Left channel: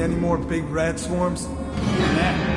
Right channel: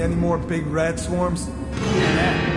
seen any more big rat swarms? Nah.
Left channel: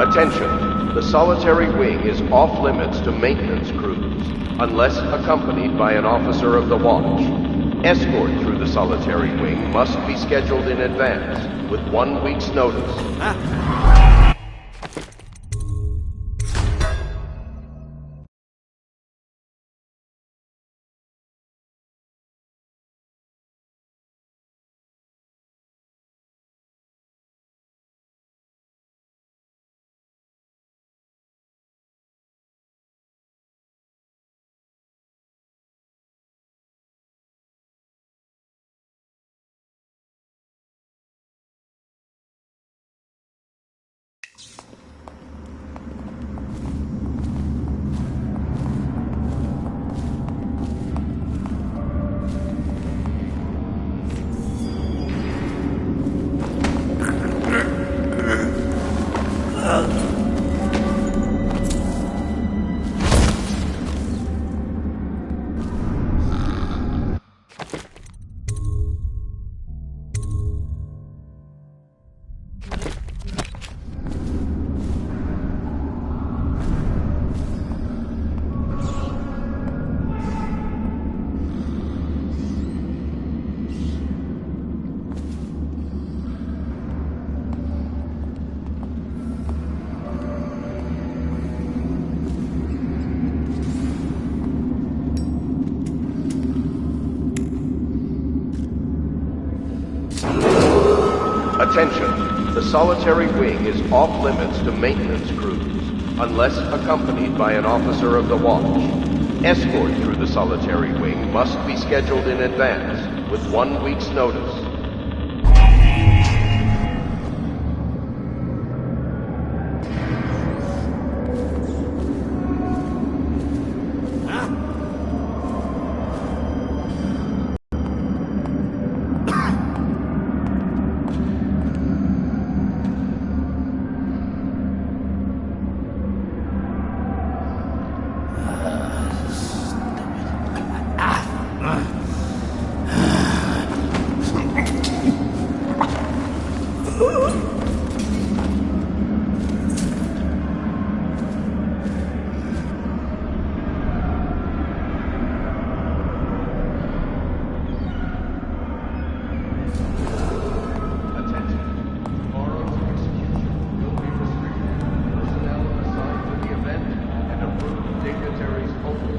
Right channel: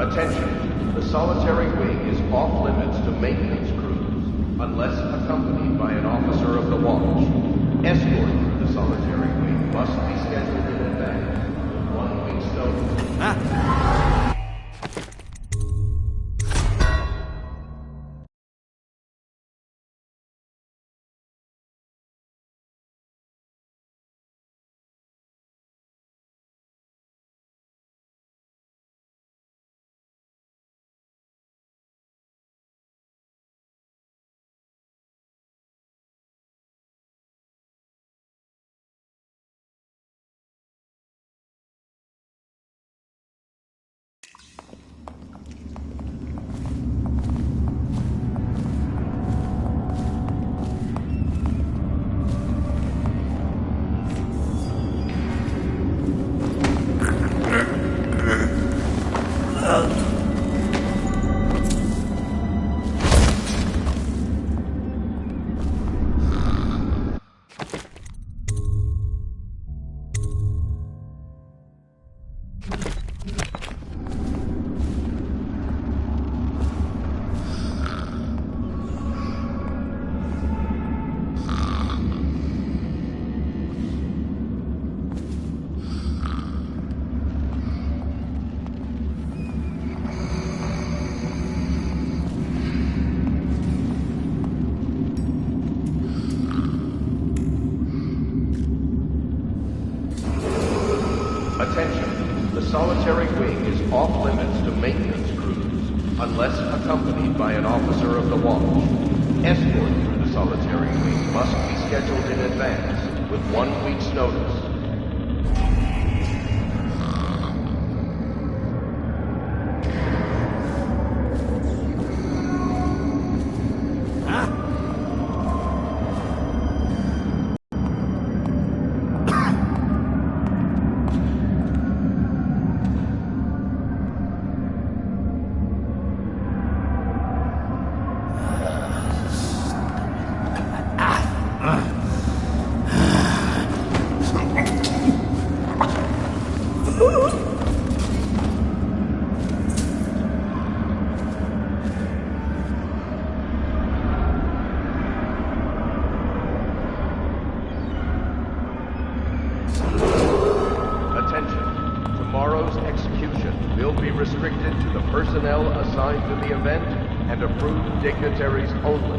Attention, the solitary wing is off limits to maintenance crews, unless accompanied by an officer of the watch. Escort through the solitary wing must be scheduled in advance, with 1 week's notice. Attention, the solitary wing is off limits to maintenance crews, unless accompanied by an officer of the watch. Escort through the solitary wing must be scheduled in advance, with 1 week's notice. Tomorrow's execution will be restricted to the personnel assigned to the event and approved dignitaries only.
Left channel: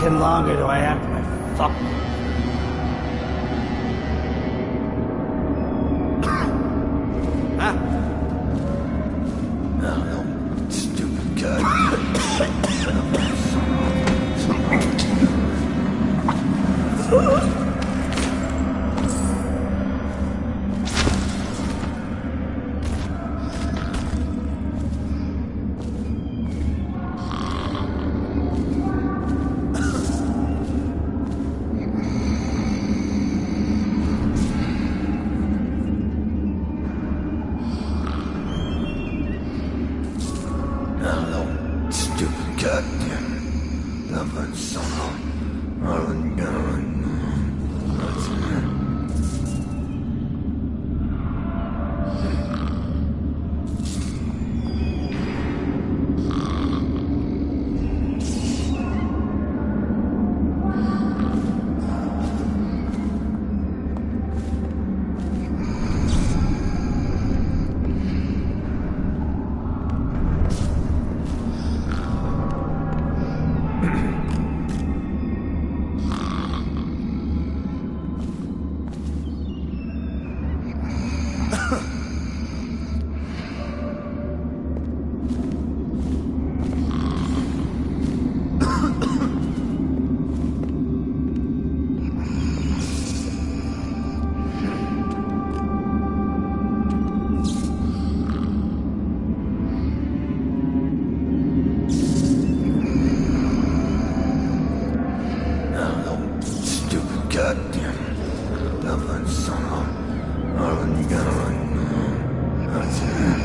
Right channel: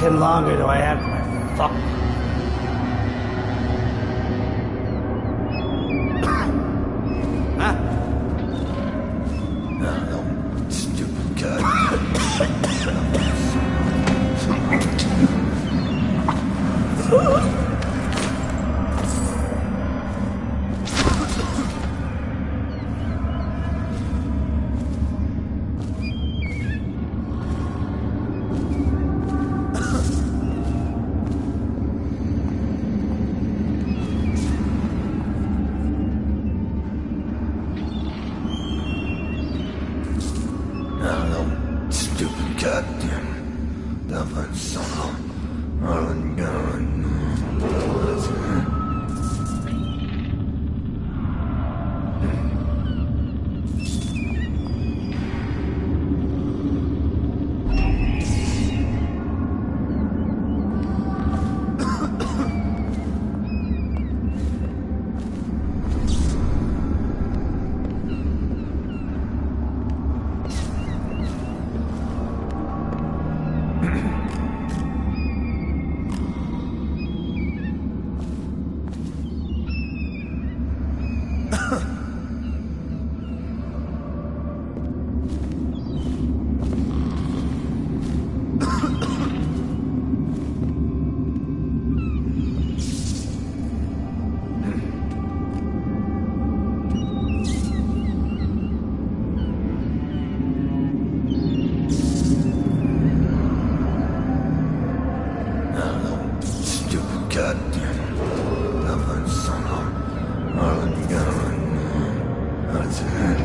fucking longer do I have my fuck? Huh? No, stupid guy. Stupid goddamn. Dapat sana. Alan gone. Goddamn. Dapat sana. Alan gone. That's it.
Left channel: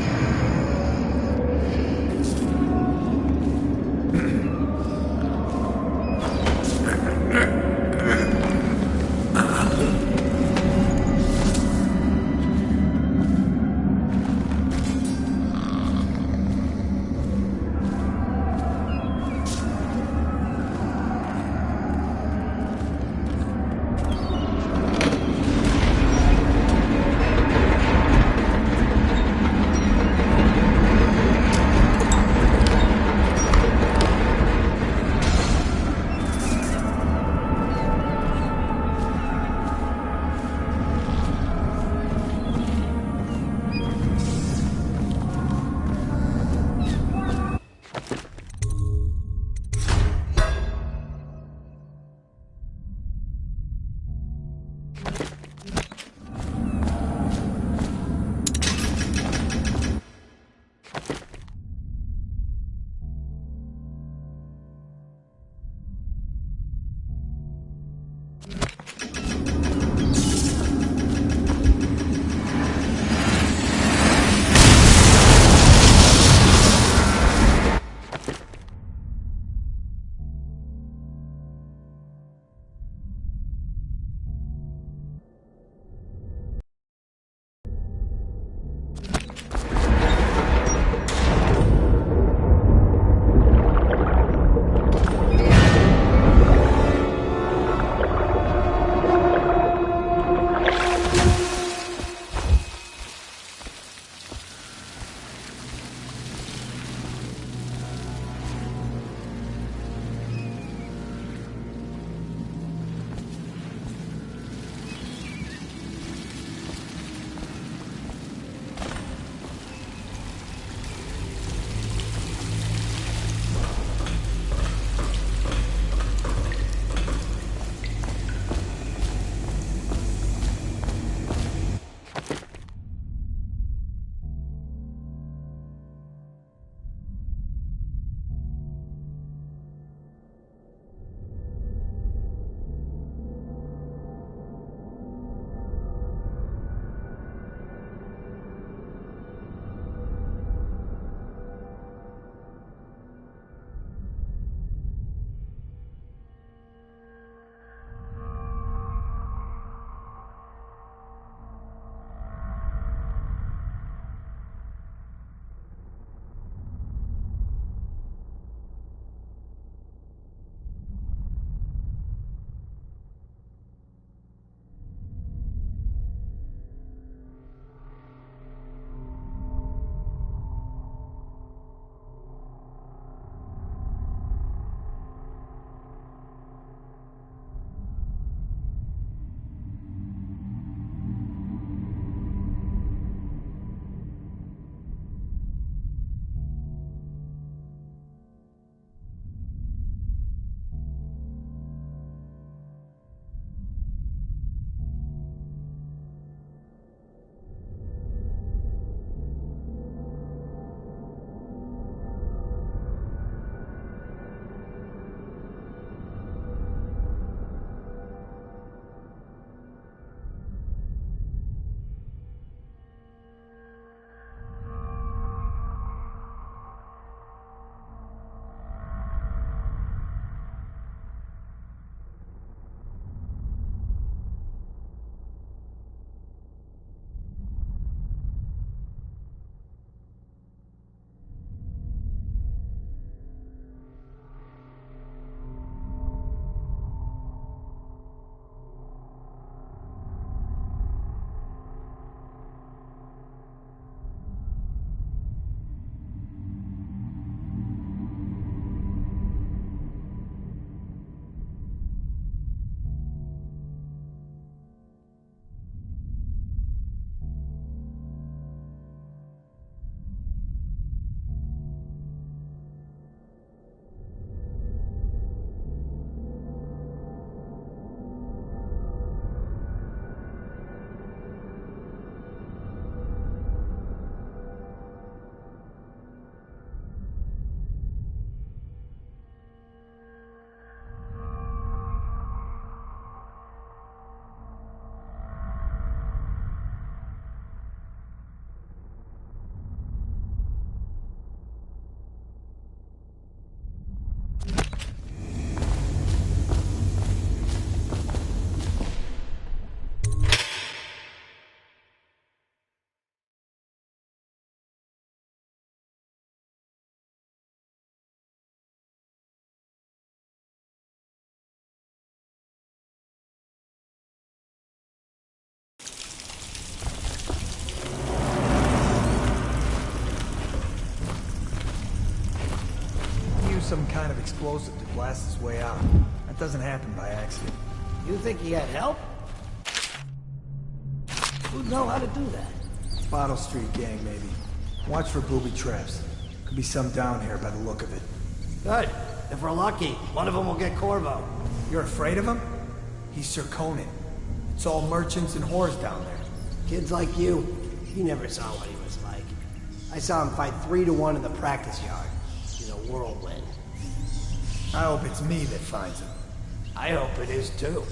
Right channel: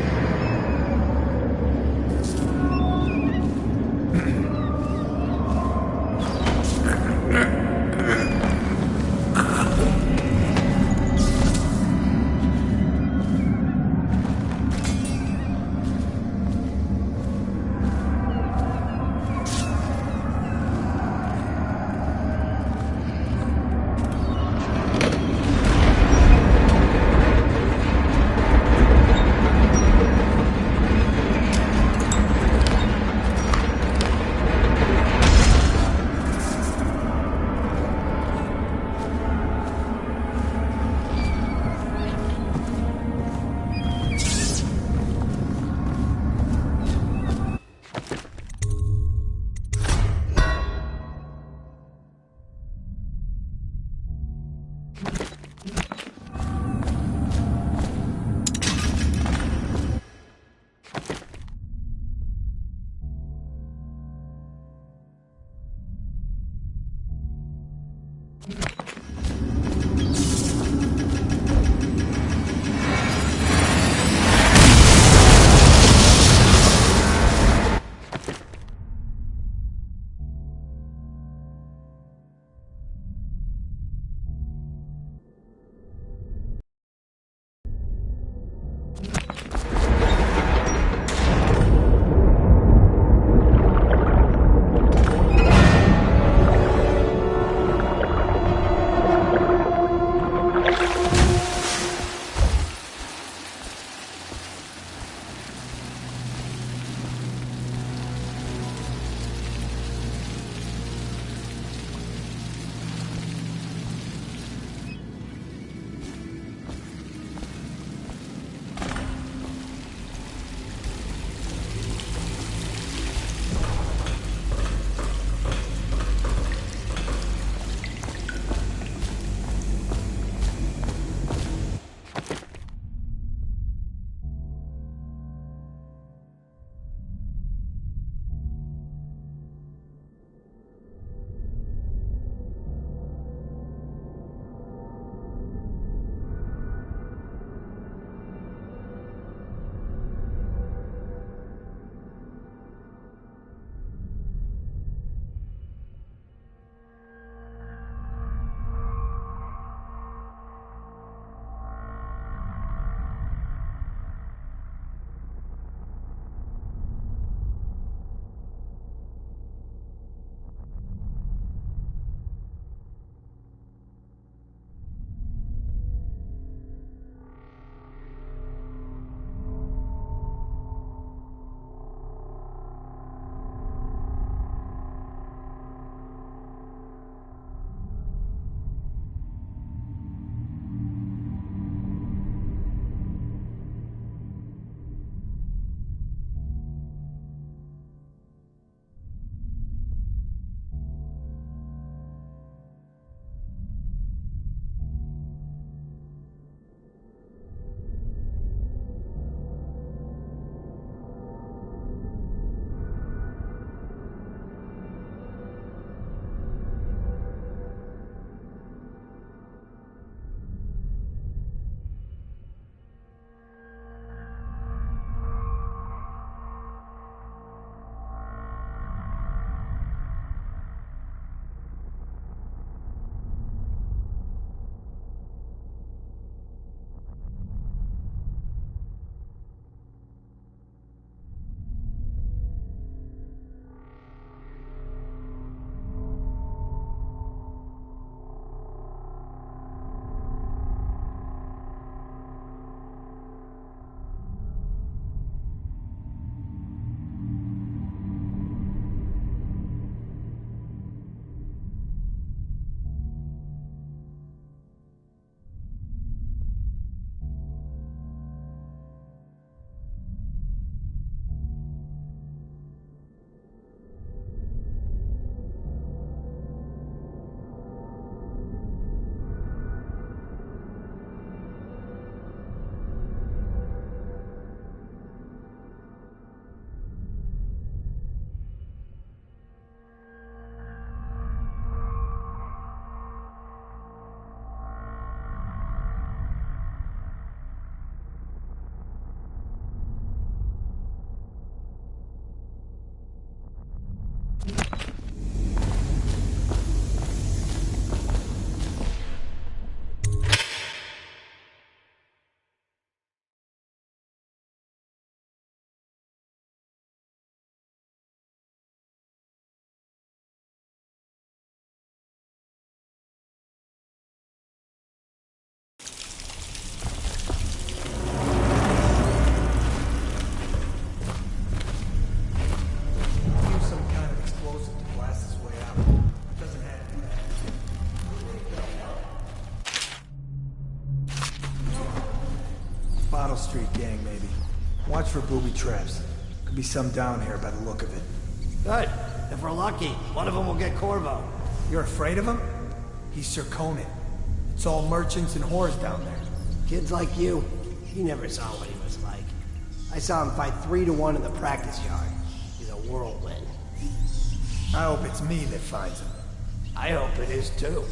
some kind of explosive to blast his way out. That doesn't happen by accident. You think he had help? Who know how to do that? Bottle Street gang, maybe. Watch for booby traps. Could be some down here by the look of it. Good. If we're lucky, one of them will get Corvo. You're afraid of him? He's Sir Conan. It's all merchants and whores down there. Kids like you, you never saw what he was like. I saw him fight 3-1 in the practice yard. He's a whirlwind. I hope it's me that finds him. I hope it is too.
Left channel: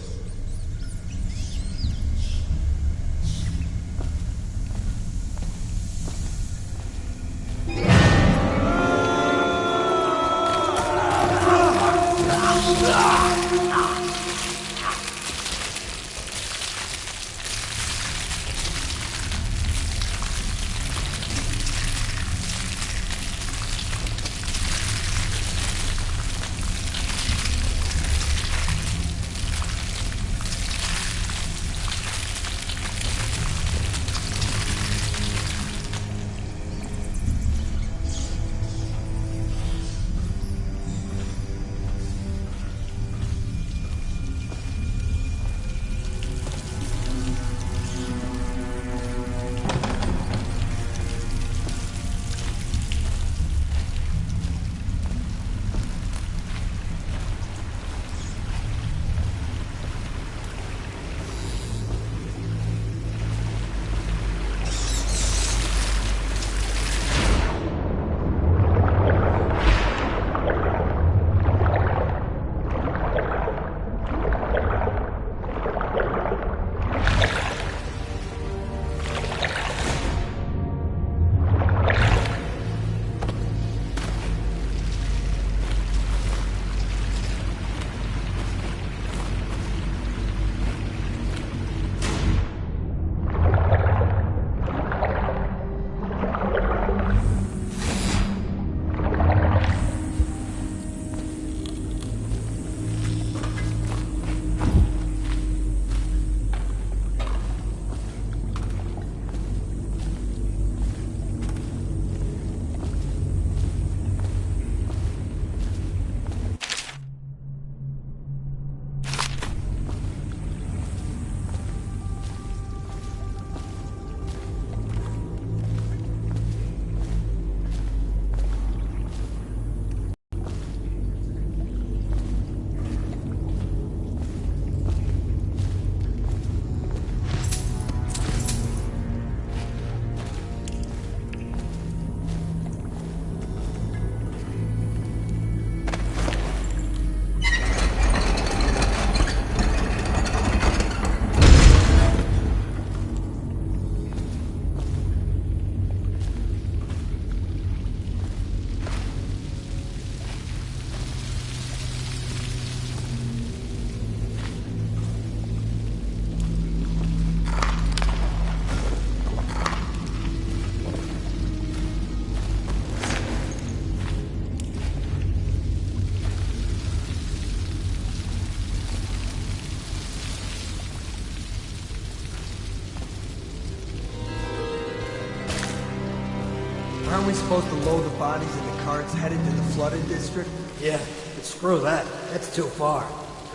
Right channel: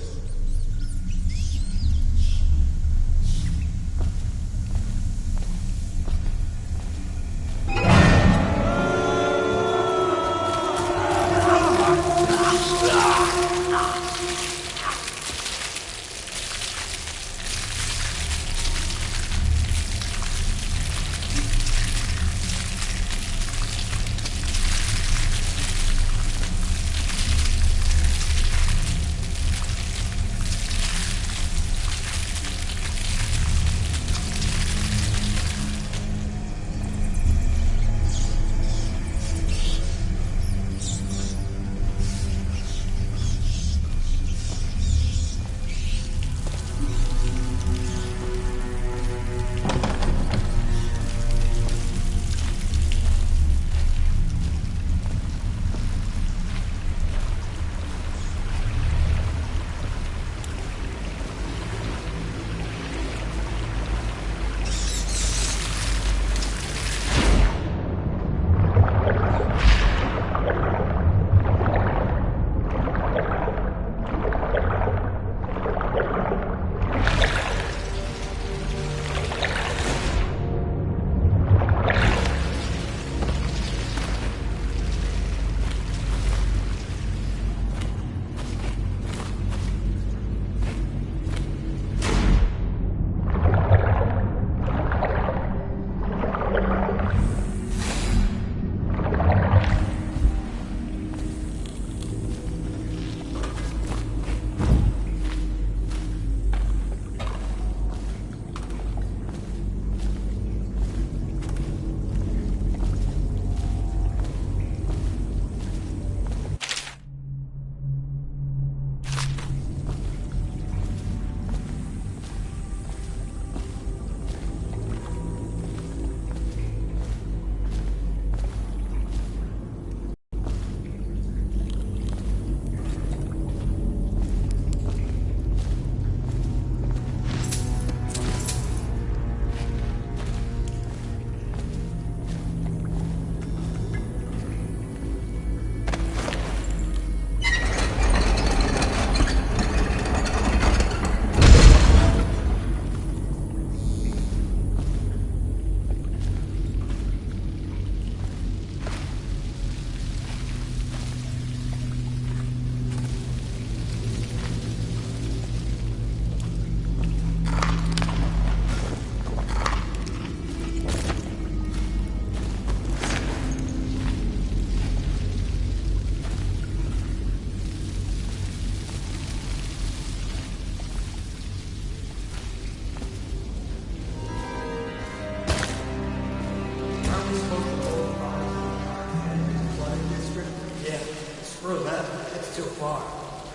Aren't we supposed to load the bodies in the carts headed to the flooded district? Yeah, but screw that. That's too far.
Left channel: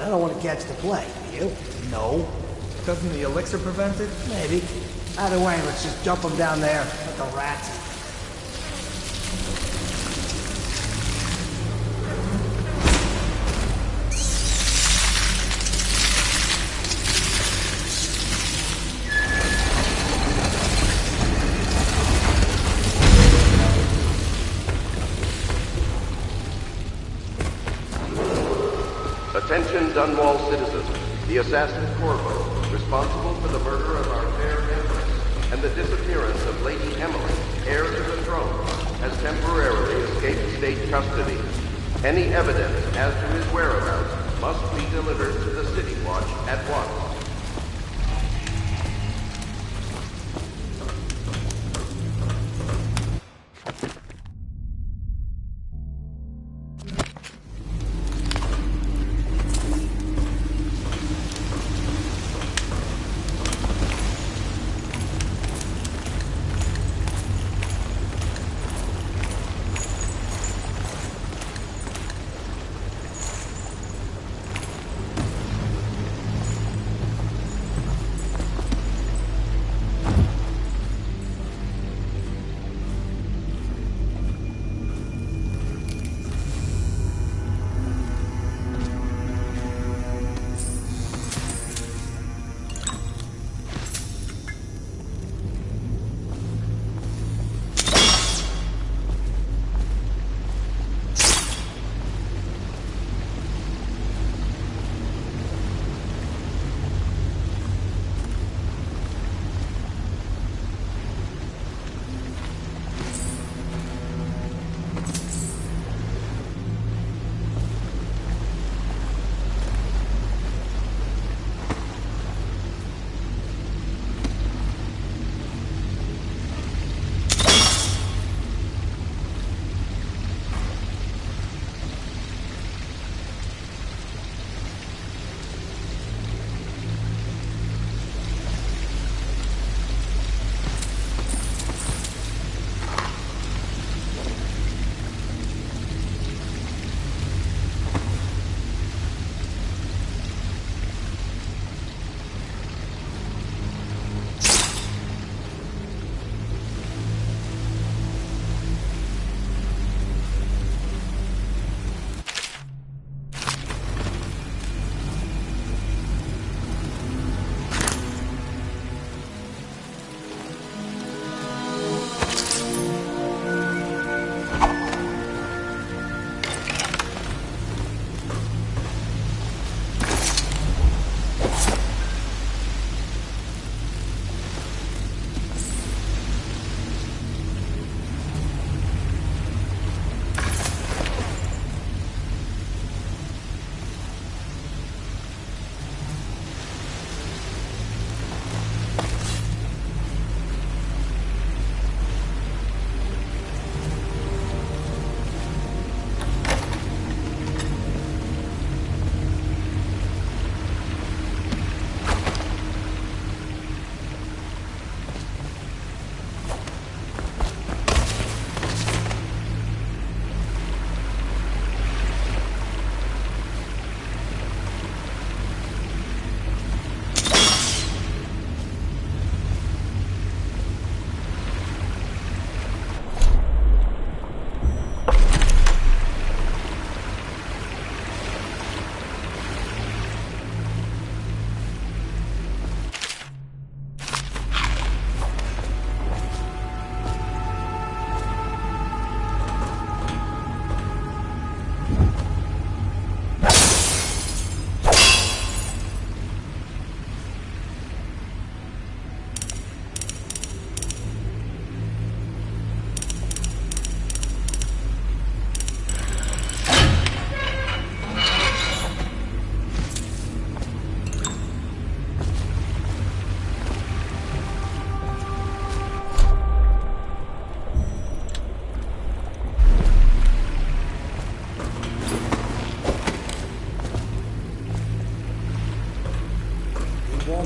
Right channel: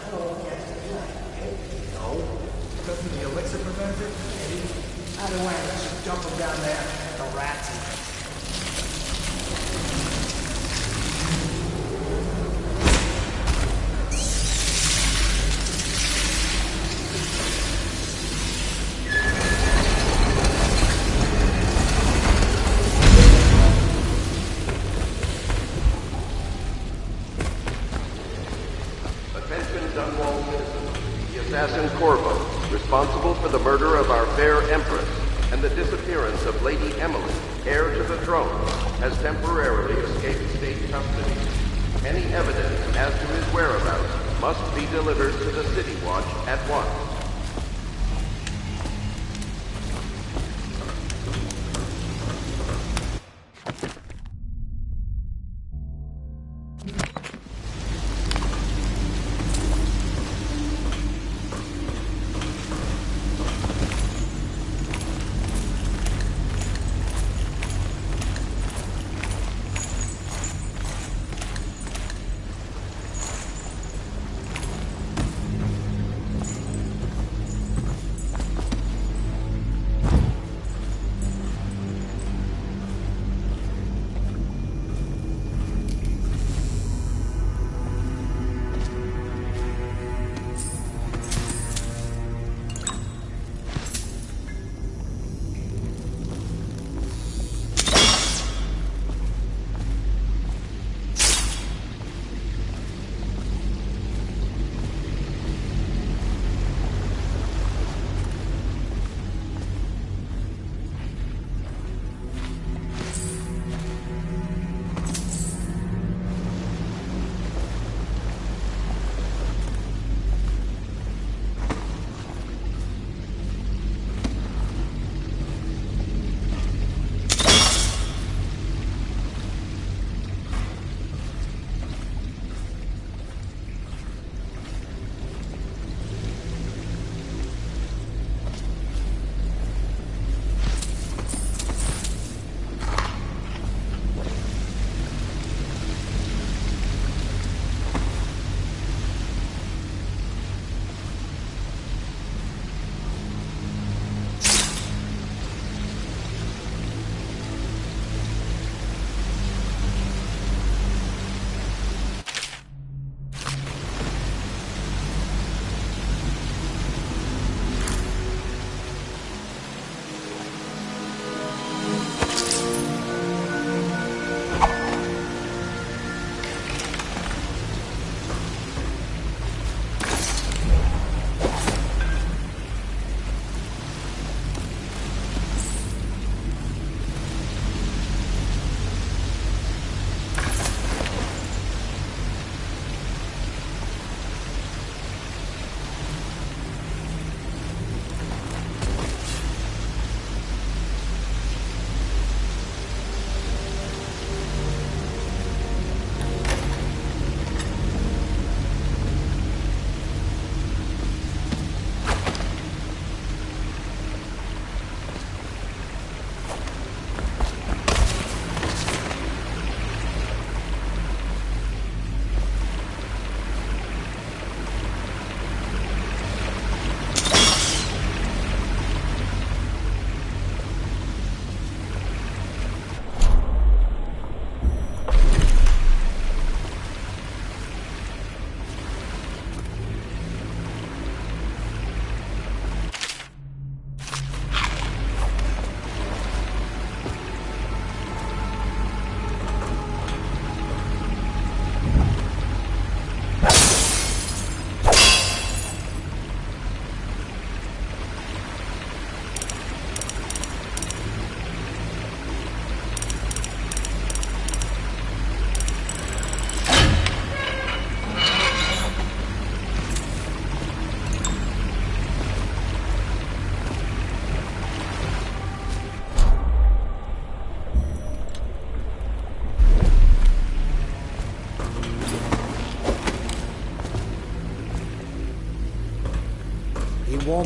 I don't want to catch the plague, you? No. Doesn't the elixir prevent it? Maybe. Either way, let's just dump them down there. Let the rats eat them. Attention Dunwall citizens. The assassin Corvo, responsible for the murder of our fair Empress and the disappearance of Lady Emily, heir to the throne, has temporarily escaped state custody. Any evidence as to his whereabouts must be delivered to the City Watch at once.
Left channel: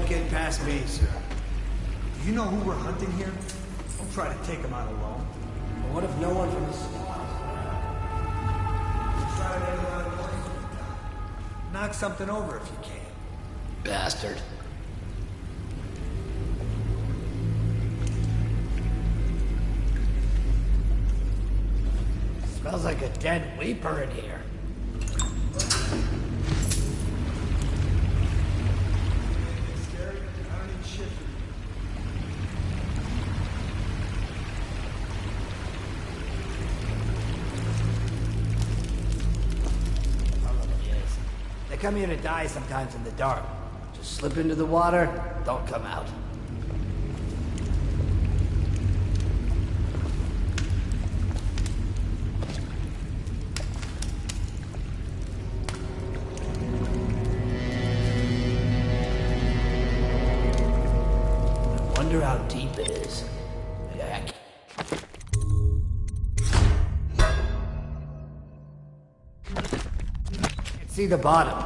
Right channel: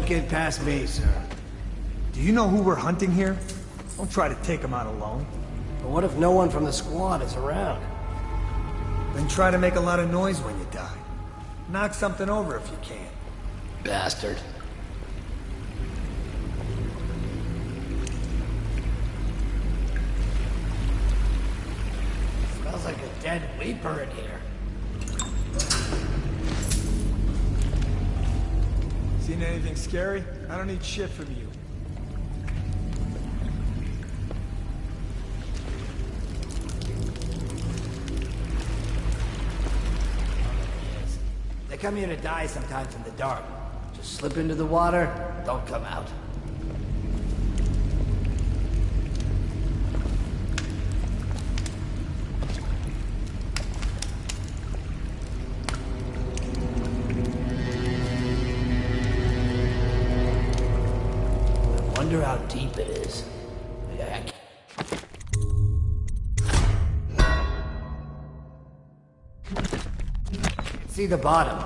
won't get past me, sir. Do you know who we're hunting here? Don't try to take him out alone. But what if no one from the squad is around? Then try to make a lot of noise when you die. Knock something over if you can. Bastard. Smells like a dead weeper in here. Seen anything scary? I don't need shit from you. They come here to die sometimes in the dark. Just slip into the water, don't come out. I wonder how deep it is. See the bottom.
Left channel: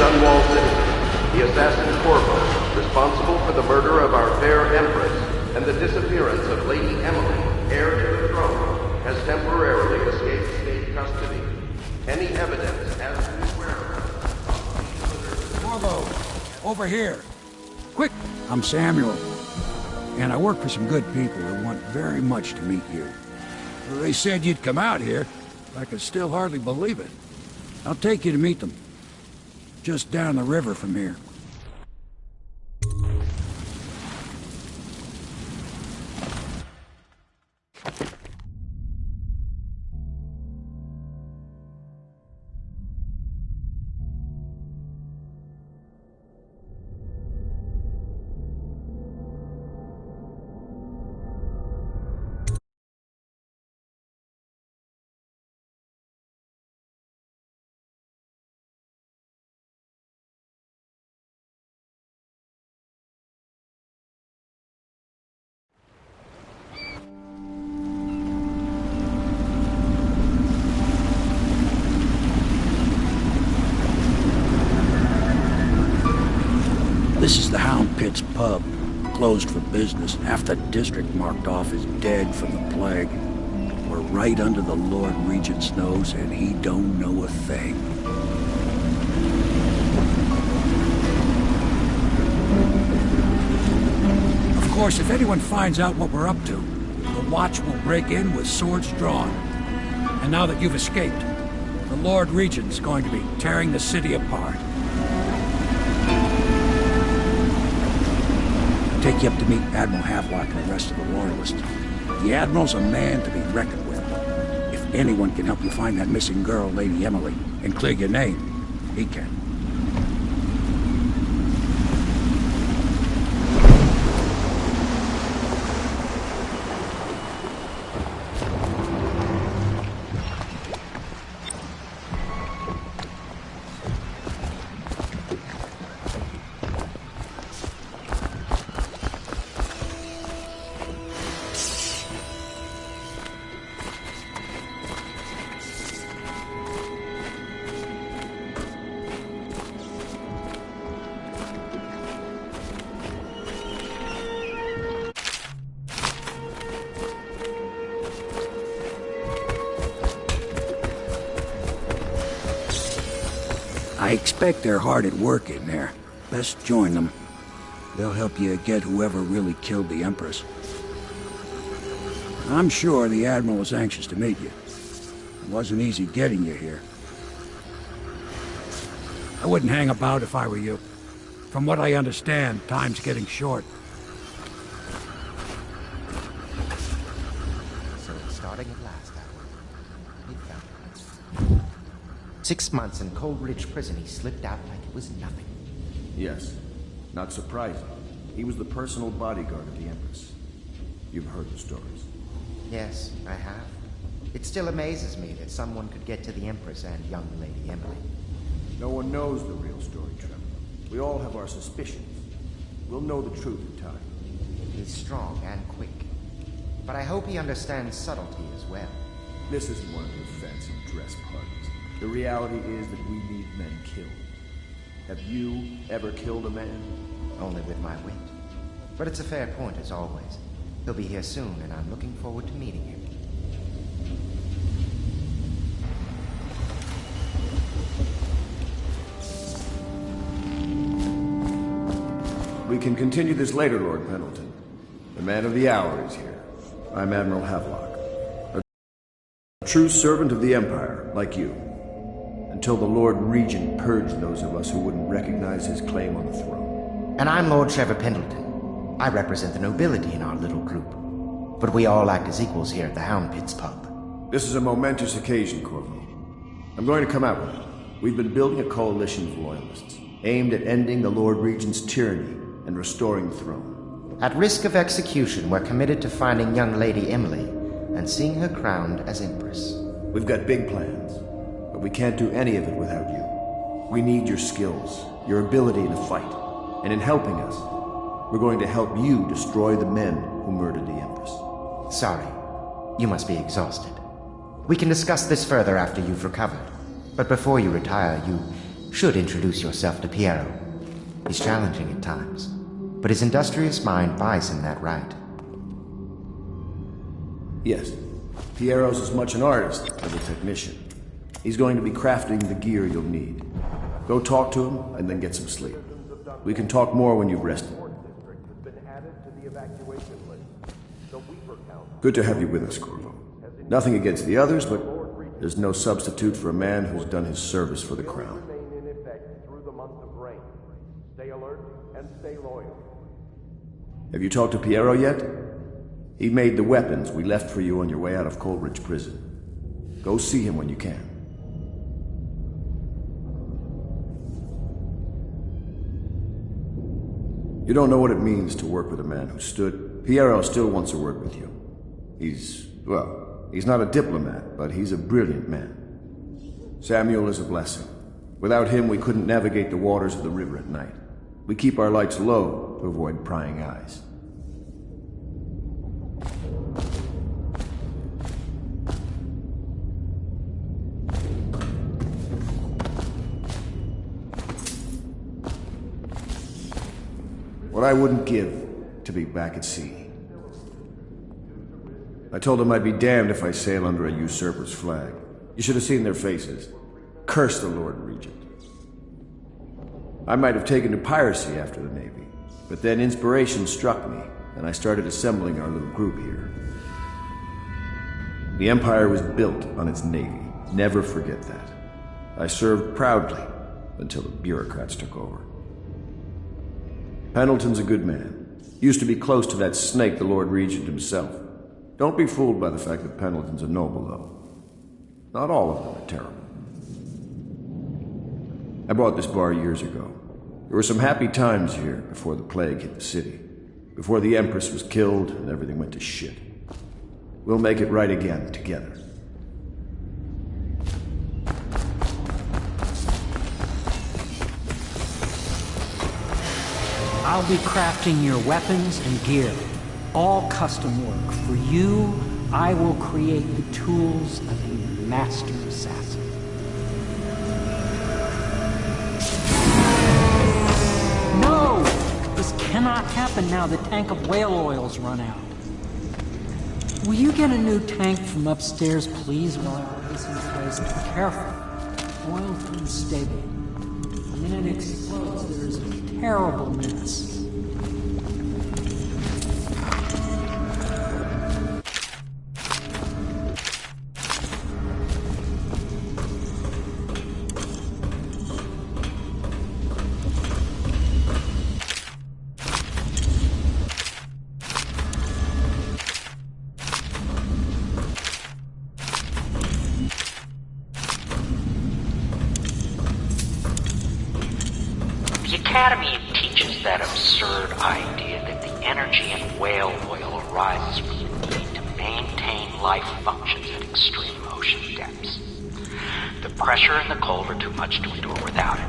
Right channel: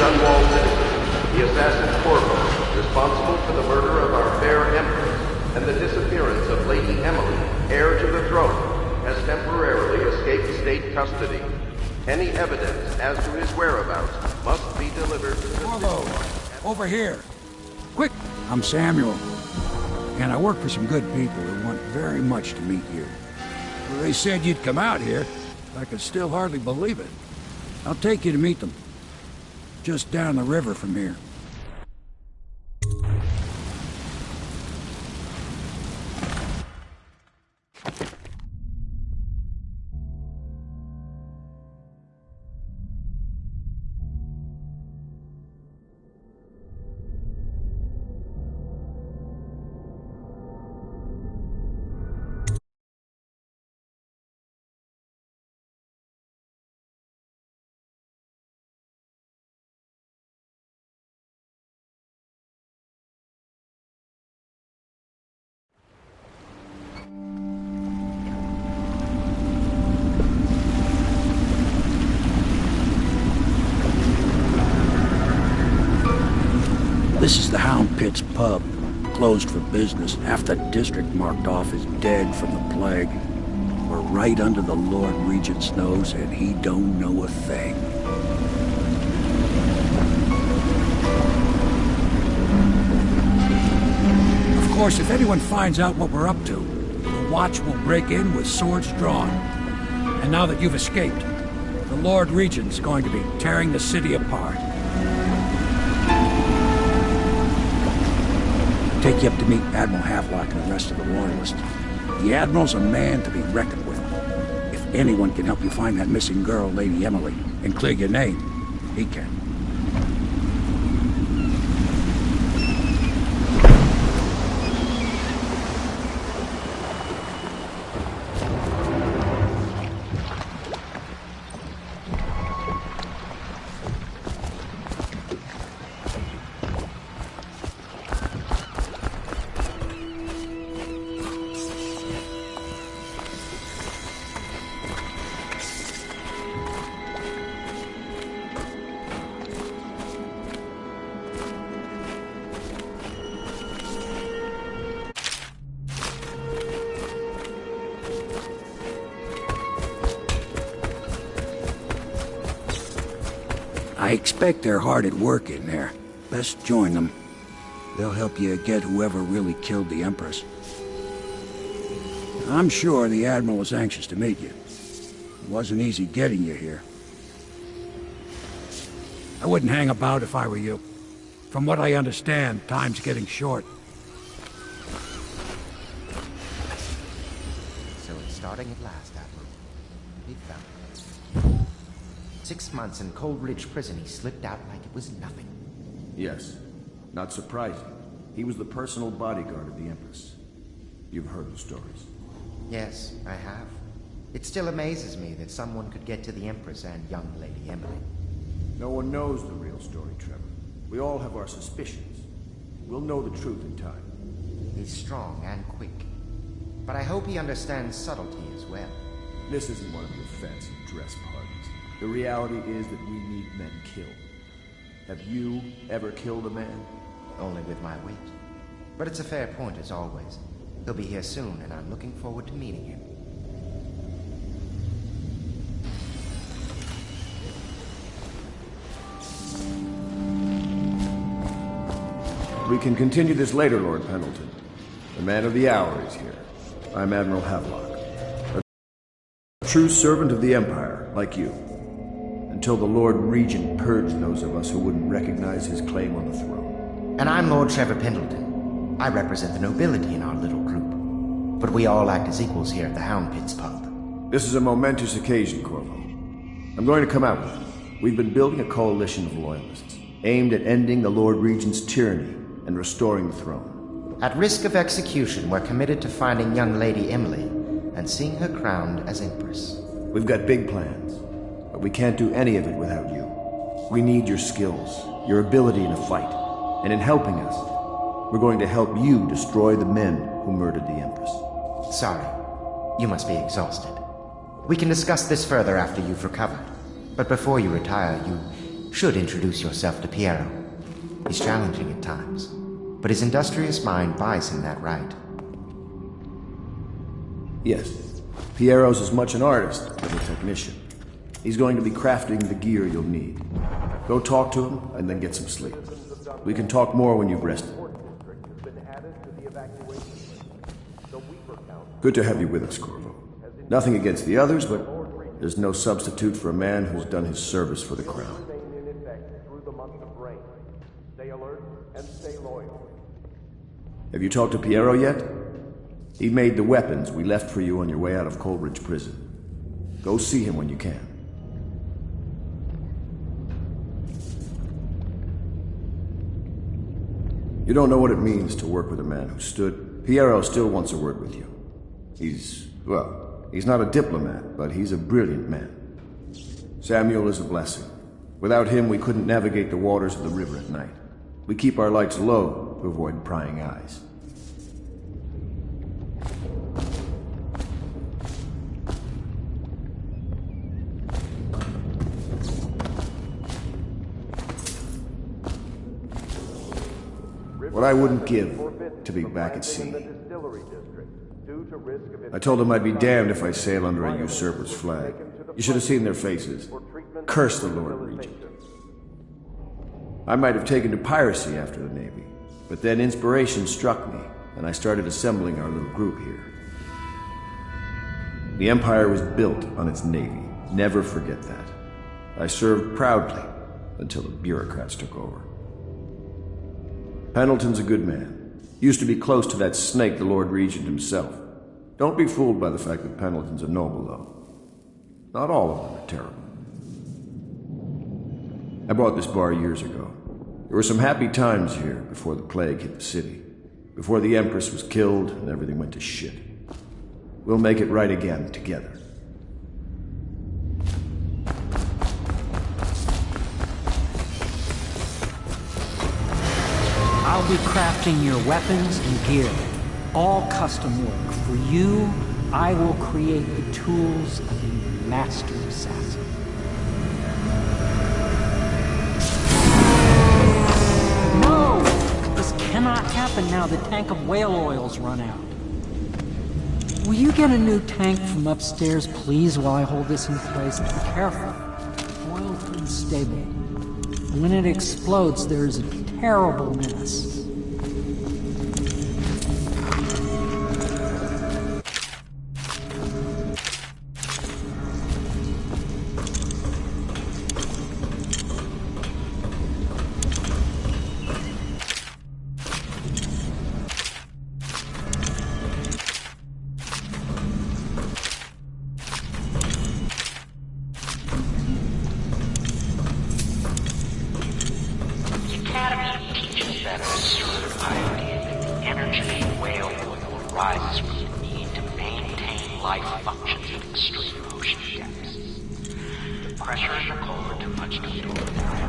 Dunwall citizen, the assassin Corvo, responsible for the murder of our fair Empress and the disappearance of Lady Emily, heir to the throne, has temporarily escaped state custody. Any evidence as to his whereabouts must be delivered to the Corvo, over here. Quick! I'm Samuel, and I work for some good people who want very much to meet you. Well, they said you'd come out here. I can still hardly believe it. I'll take you to meet them. Just down the river from here. This is the Hound Pit's pub, closed for business. Half the district marked off as dead from the plague. We're right under the Lord Regent's nose, and he don't know a thing. Of course, if anyone finds out what we're up to, the Watch will break in with swords drawn. And now that you've escaped, the Lord Regent's going to be tearing the city apart. Take you up to meet Admiral Havelock and the rest of the Royalists. The Admiral's a man to be reckoned with. If anyone can help you find that missing girl, Lady Emily, and clear your name, he can. I expect they're hard at work in there. Best join them. They'll help you get whoever really killed the Empress. I'm sure the Admiral was anxious to meet you. It wasn't easy getting you here. I wouldn't hang about if I were you. From what I understand, time's getting short. So it's starting at last, Admiral. We found him. 6 months in Coldridge Prison, he slipped out like it was nothing. Yes. Not surprising. He was the personal bodyguard of the Empress. You've heard the stories. Yes, I have. It still amazes me that someone could get to the Empress and young Lady Emily. No one knows the real story, Trevor. We all have our suspicions. We'll know the truth in time. He's strong and quick. But I hope he understands subtlety as well. This isn't one of your fancy dress parties. The reality is that we need men killed. Have you ever killed a man? Only with my wit. But it's a fair point, as always. He'll be here soon, and I'm looking forward to meeting him. We can continue this later, Lord Pendleton. The man of the hour is here. I'm Admiral Havelock. A true servant of the Empire, like you. Until the Lord Regent purged those of us who wouldn't recognize his claim on the throne. And I'm Lord Trevor Pendleton. I represent the nobility in our little group. But we all act as equals here at the Hound Pit's pub. This is a momentous occasion, Corvo. I'm going to come out with it. We've been building a coalition of loyalists, aimed at ending the Lord Regent's tyranny and restoring the throne. At risk of execution, we're committed to finding young Lady Emily and seeing her crowned as Empress. We've got big plans, but we can't do any of it without you. We need your skills, your ability in a fight, and in helping us, we're going to help you destroy the men who murdered the Empress. Sorry, you must be exhausted. We can discuss this further after you've recovered. But before you retire, you should introduce yourself to Piero. He's challenging at times, but his industrious mind buys him that right. Yes, Piero's as much an artist as a technician. He's going to be crafting the gear you'll need. Go talk to him, and then get some sleep. We can talk more when you've rested. Good to have you with us, Corvo. Nothing against the others, but there's no substitute for a man who's done his service for the crown. Stay alert and stay loyal. Have you talked to Piero yet? He made the weapons we left for you on your way out of Coleridge Prison. Go see him when you can. You don't know what it means to work with a man who stood. Piero still wants a word with you. He's not a diplomat, but he's a brilliant man. Samuel is a blessing. Without him, we couldn't navigate the waters of the river at night. We keep our lights low to avoid prying eyes. What I wouldn't give to be back at sea. I told them I'd be damned if I sail under a usurper's flag. You should have seen their faces. Curse the Lord Regent. I might have taken to piracy after the Navy, but then inspiration struck me, and I started assembling our little group here. The Empire was built on its Navy. Never forget that. I served proudly until the bureaucrats took over. Pendleton's a good man. Used to be close to that snake, the Lord Regent himself. Don't be fooled by the fact that Pendleton's a noble, though. Not all of them are terrible. I bought this bar years ago. There were some happy times here before the plague hit the city. Before the Empress was killed and everything went to shit. We'll make it right again, together. I'll be crafting your weapons and gear. All custom work. For you, I will create the tools of a master assassin. No! This cannot happen now. The tank of whale oil's run out. Will you get a new tank from upstairs, please, while I hold this in place? Be careful. Oil's unstable. When it explodes, there's a terrible mess. The Academy teaches that absurd idea that the energy in whale oil arises from the need to maintain life functions at extreme ocean depths. The pressure and the cold are too much to endure without it.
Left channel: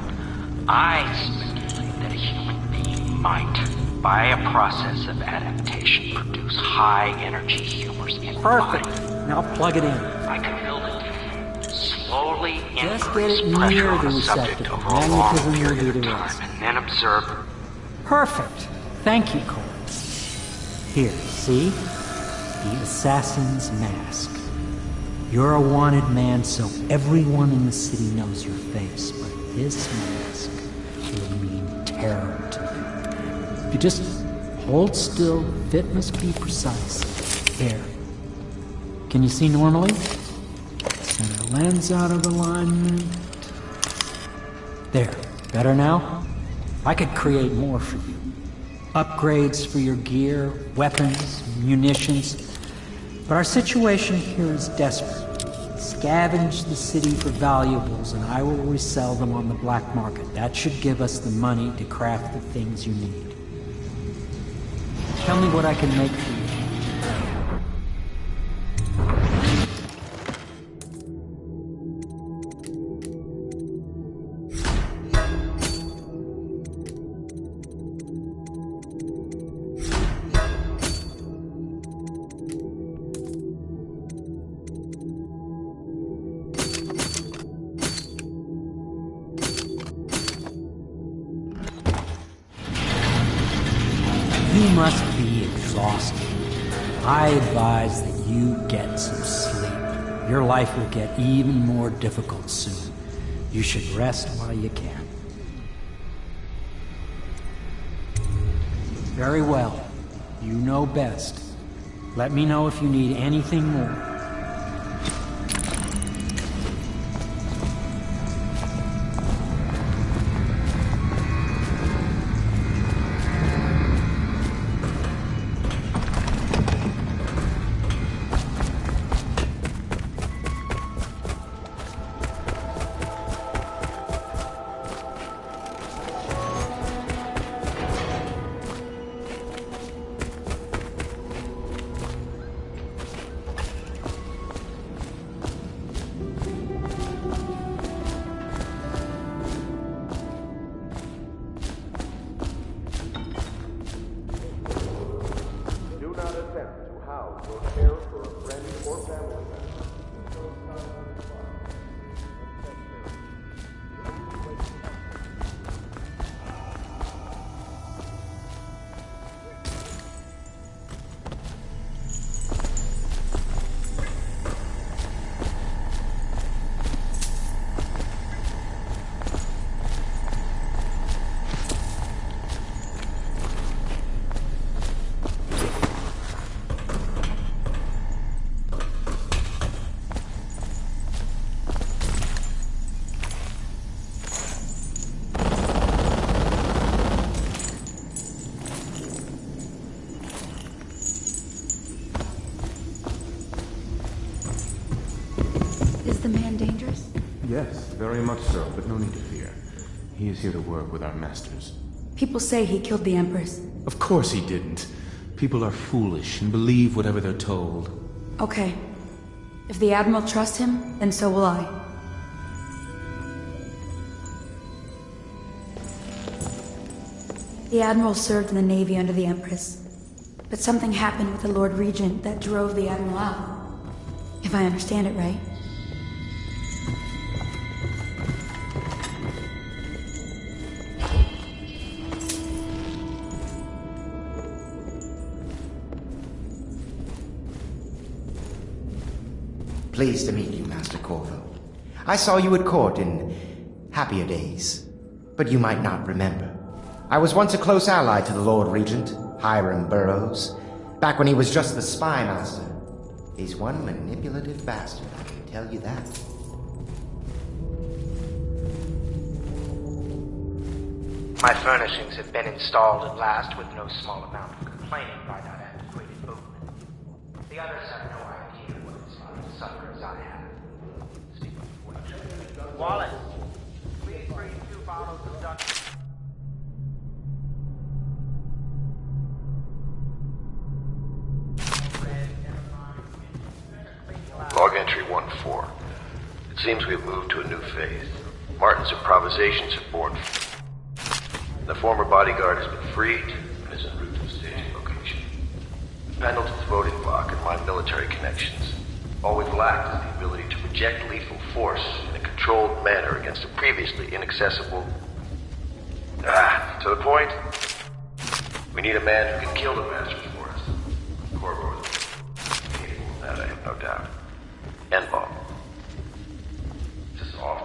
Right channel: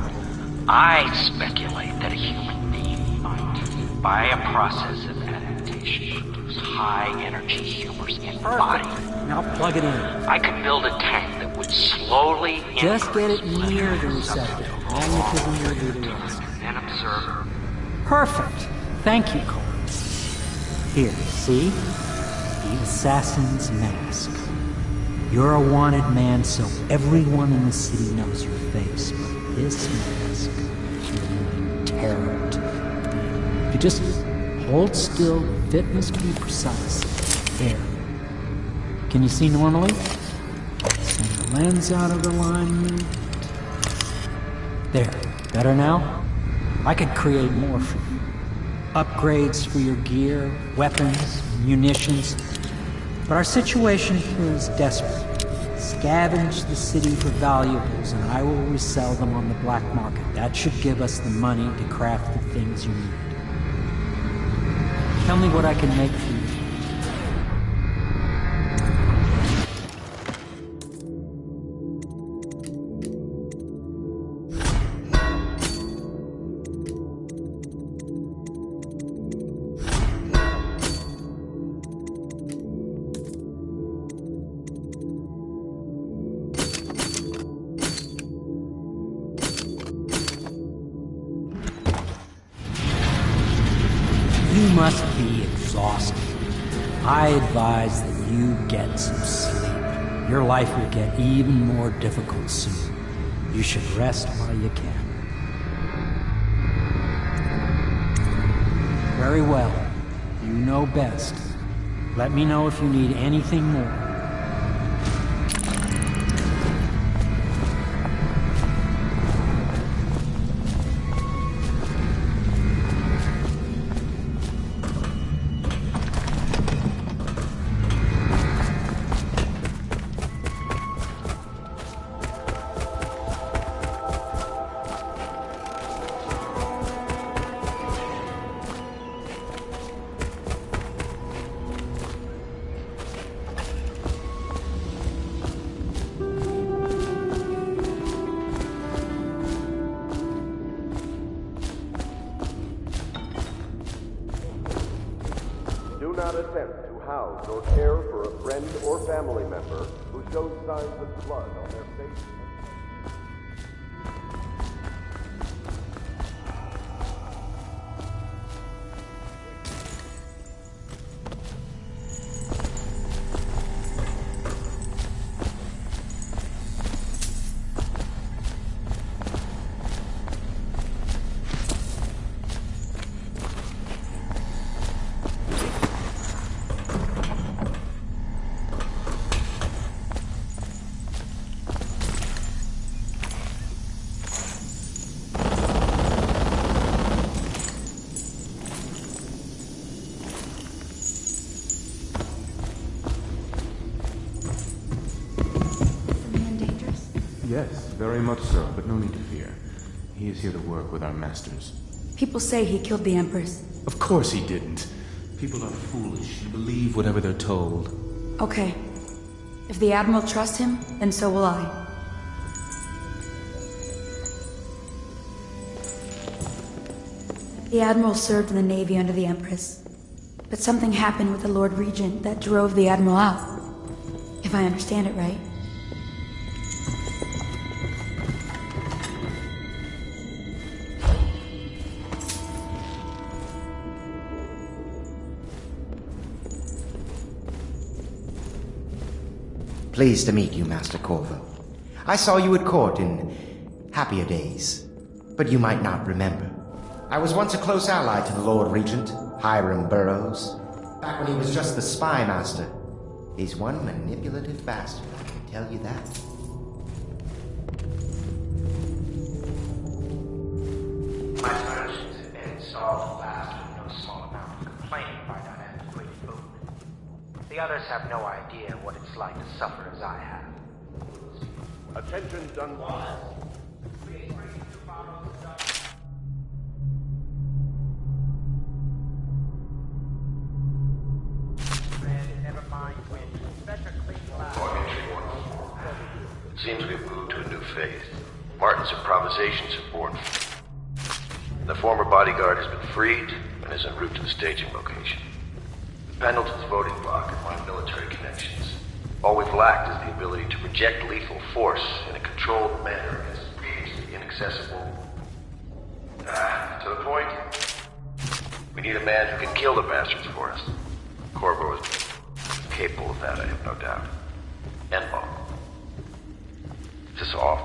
I speculate that a human being might, by a process of adaptation, produce high-energy humors in the body. Perfect. Now plug it in. I could build a tank that would slowly Just get it near the receptacle. Magnetism will do the rest. And then observe. Perfect. Thank you, Cole. Here, see? The assassin's mask. You're a wanted man, so everyone in the city knows your face, but this mask will mean terror to you. If you just hold still, the fit must be precise. There. Can you see normally? Center lens out of alignment. There. Better now? I could create more for you. Upgrades for your gear, weapons, munitions. But our situation here is desperate. Scavenge the city for valuables, and I will resell them on the black market. That should give us the money to craft the things you need. Tell me what I can make for you. You must be exhausted. I advise that you get some sleep. Your life will get even more difficult soon. You should rest while you can. Very well. You know best. Let me know if you need anything more. Do not attempt to house or care for a friend or family member who shows signs of blood on their face and chest area. Yes, very much so, but no need to fear. He is here to work with our masters. People say he killed the Empress. Of course he didn't. People are foolish and believe whatever they're told. Okay. If the Admiral trusts him, then so will I. The Admiral served in the Navy under the Empress. But something happened with the Lord Regent that drove the Admiral out. If I understand it right. Pleased to meet you, Master Corvo. I saw you at court in happier days, but you might not remember. I was once a close ally to the Lord Regent, Hiram Burroughs, back when he was just the spy master. He's one manipulative bastard, I can tell you that. My furnishings have been installed at last with no small amount of complaining by that antiquated boatman. The others have no idea what it's like to suffer as I have. Attention, Dunwall. Wallace, please bring 2 bottles of Dunwall. Log entry 1-4. It seems we have moved to a new phase. Martin's improvisations have borne fruit. The former bodyguard has been freed and is en route to the staging location. Pendleton's voting block and my military connections. All we've lacked is the ability to project lethal force in a controlled manner against a previously inaccessible... to the point? We need a man who can kill the bastards for us. Corvo is capable of that, I have no doubt. N-bomb. Is this off?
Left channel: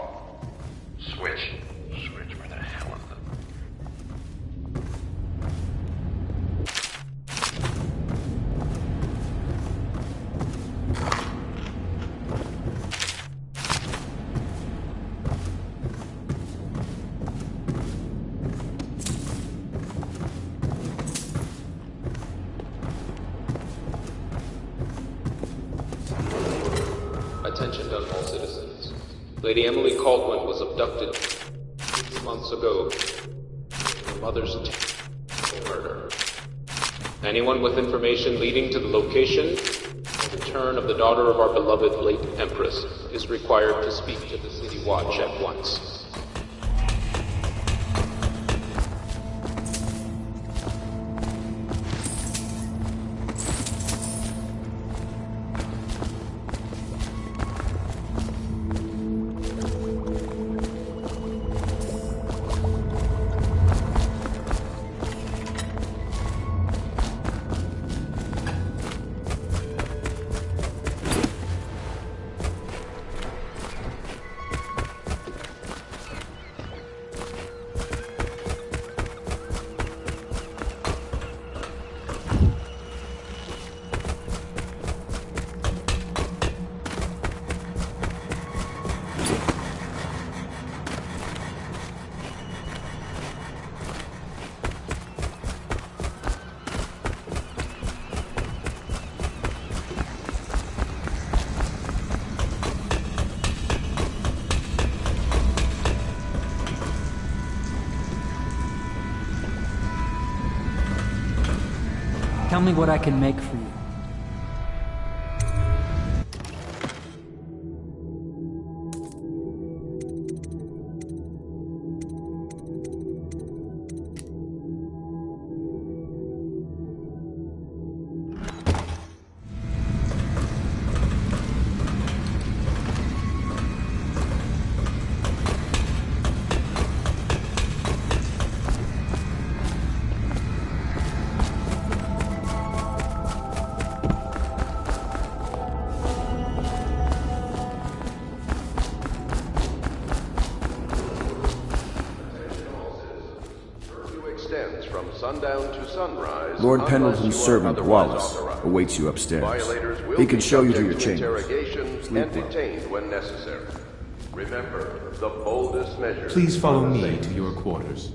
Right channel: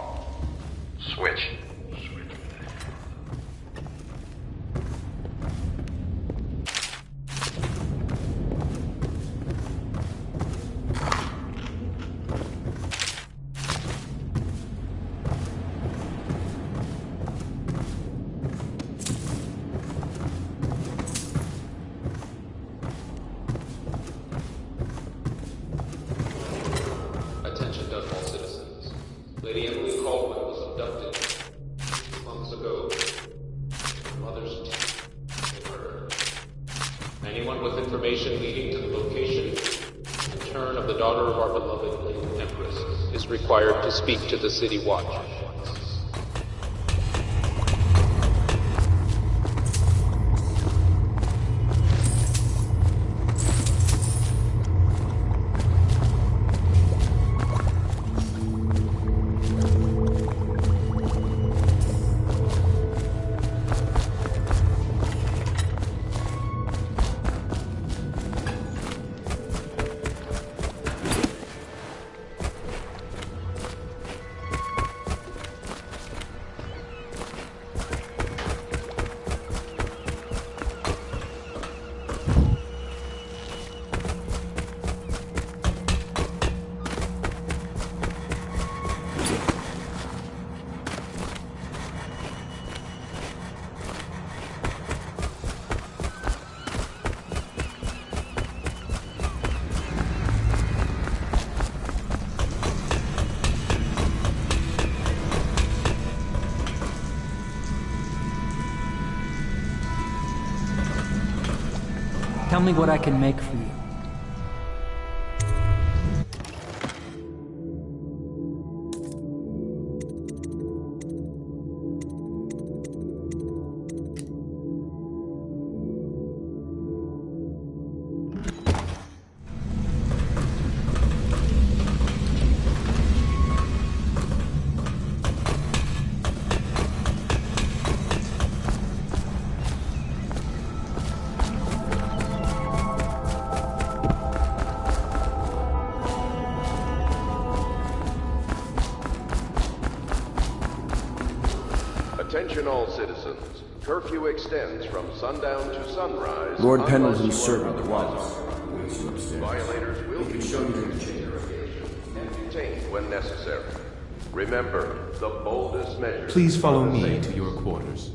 Switch. Switch, where the hell is it? Attention, Dunwall. all citizens. Lady Emily Caldwell was abducted 6 months ago. Her mother's murder. Anyone with information leading to the location and return of the daughter of our beloved late Empress is required to speak to the City Watch at once. Tell me what I can make for you. Attention all citizens. Curfew extends from sundown to sunrise. Lord unless Pendleton's you are servant, otherwise Wallace, authorized. awaits you upstairs. Violators will He can be show you to your subject chambers. interrogation and detained when necessary. Remember, the boldest measures. Please follow are the me safest. to your quarters.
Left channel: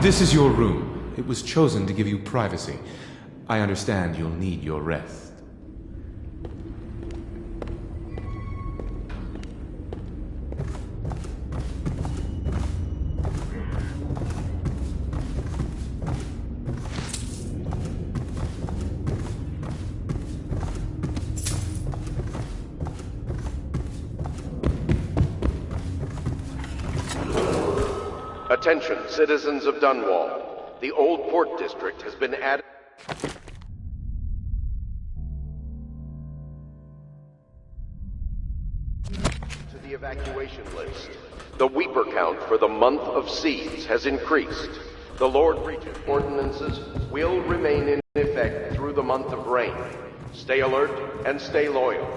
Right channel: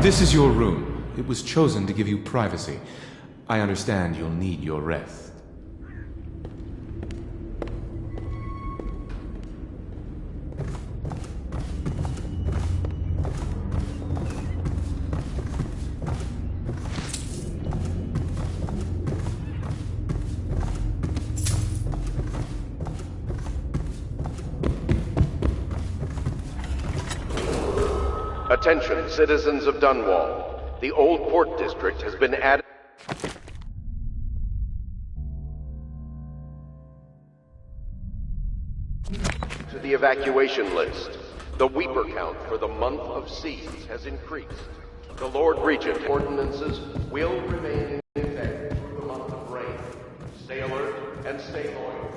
This is your room. It was chosen to give you privacy. I understand you'll need your rest. Attention, citizens of Dunwall. The Old Port District has been added to the evacuation list. The Weeper count for the month of siege has increased. The Lord Regent ordinances will remain in effect through the month of rain. Stay alert and stay loyal.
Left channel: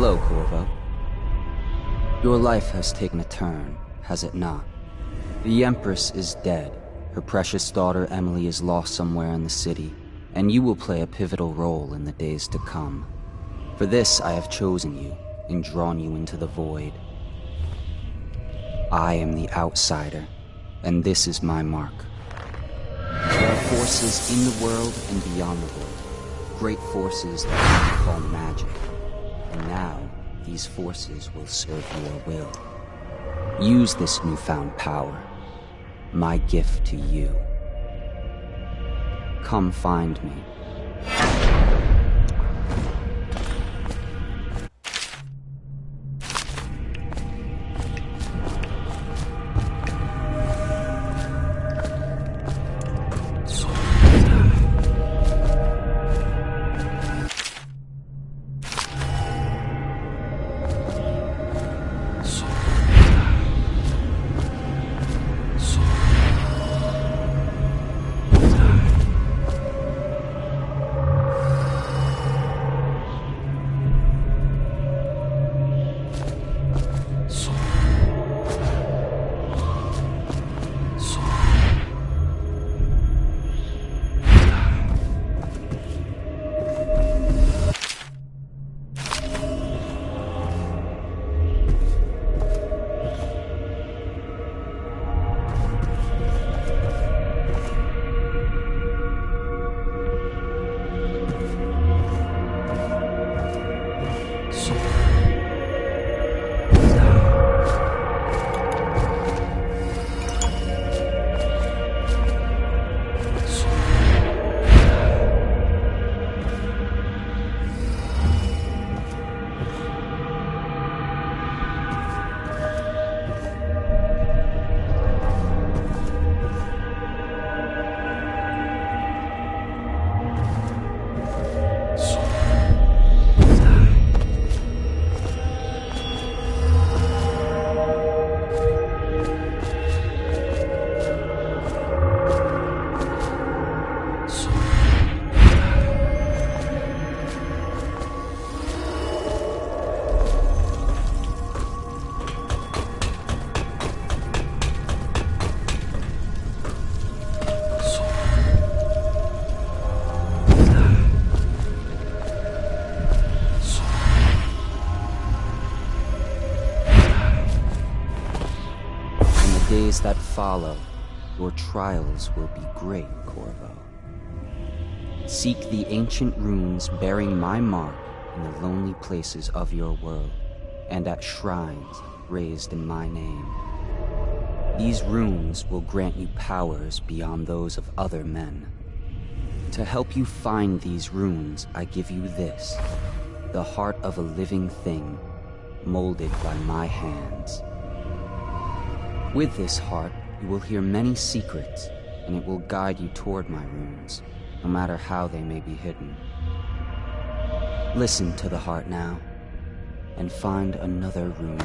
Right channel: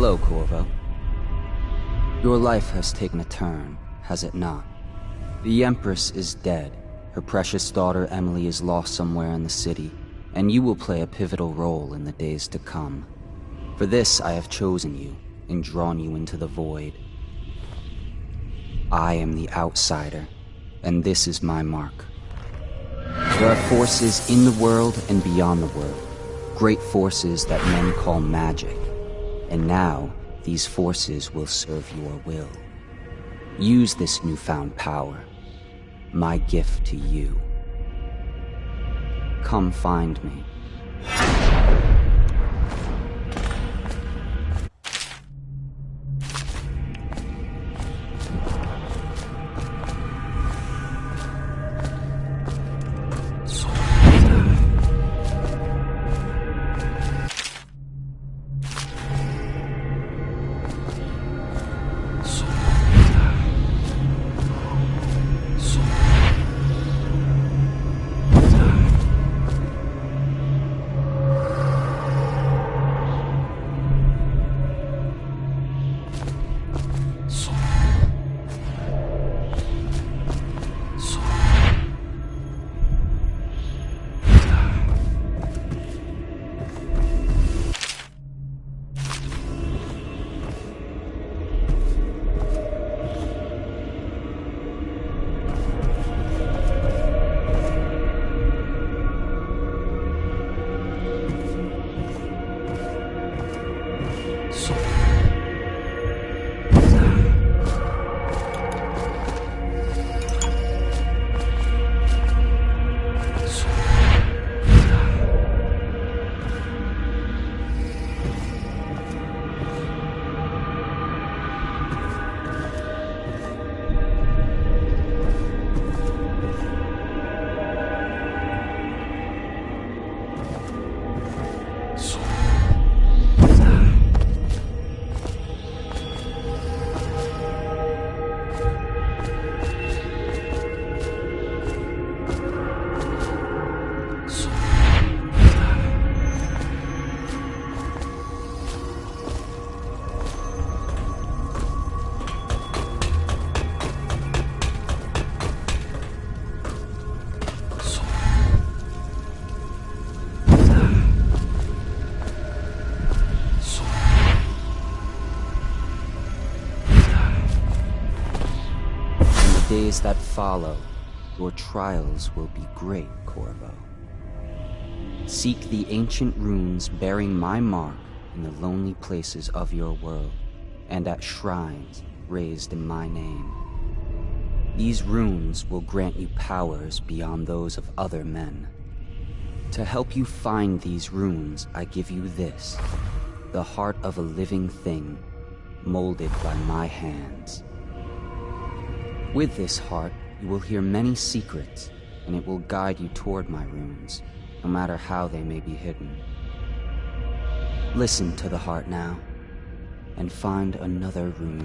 Hello, Corvo. Your life has taken a turn, has it not? The Empress is dead. Her precious daughter Emily is lost somewhere in the city, and you will play a pivotal role in the days to come. For this, I have chosen you and drawn you into the void. I am the outsider, and this is my mark. There are forces in the world and beyond the world, great forces that men call magic. And now, these forces will serve your will. Use this newfound power, my gift to you. Come find me. Days that follow, your trials will be great, Corvo. Seek the ancient runes bearing my mark in the lonely places of your world, and at shrines raised in my name. These runes will grant you powers beyond those of other men. To help you find these runes, I give you this, the heart of a living thing, molded by my hands. With this heart, you will hear many secrets, and it will guide you toward my runes, no matter how they may be hidden. Listen to the heart now, and find another rune.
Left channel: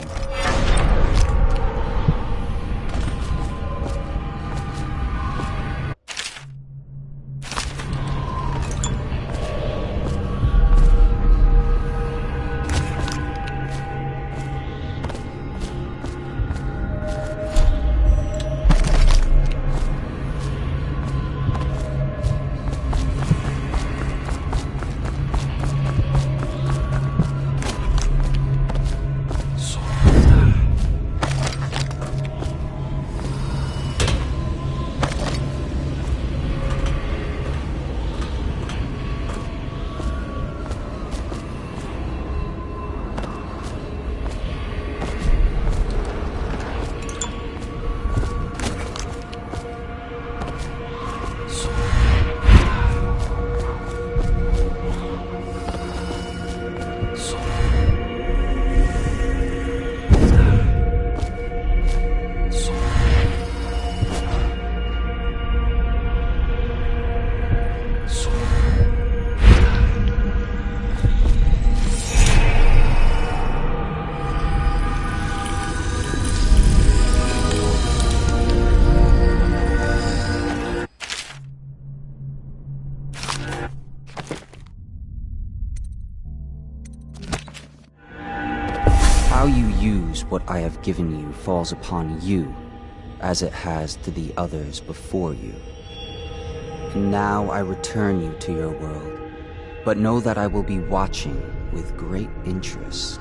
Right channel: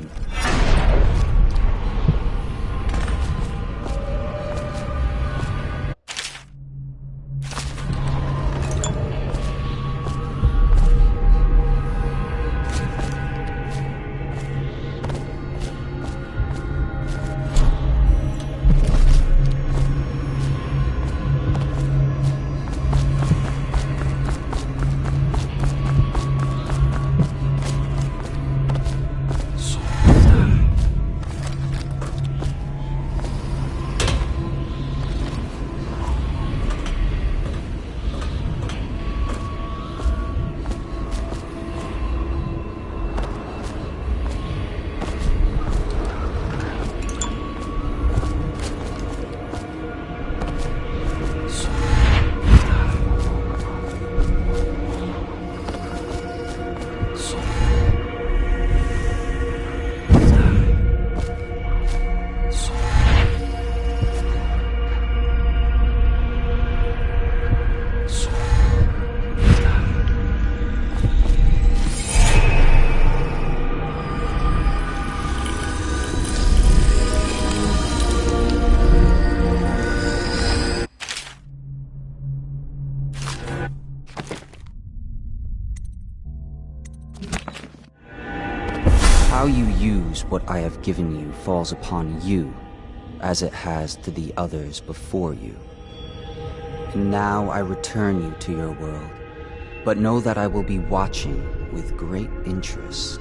How you use what I have given you falls upon you, as it has to the others before you. And now I return you to your world, but know that I will be watching with great interest.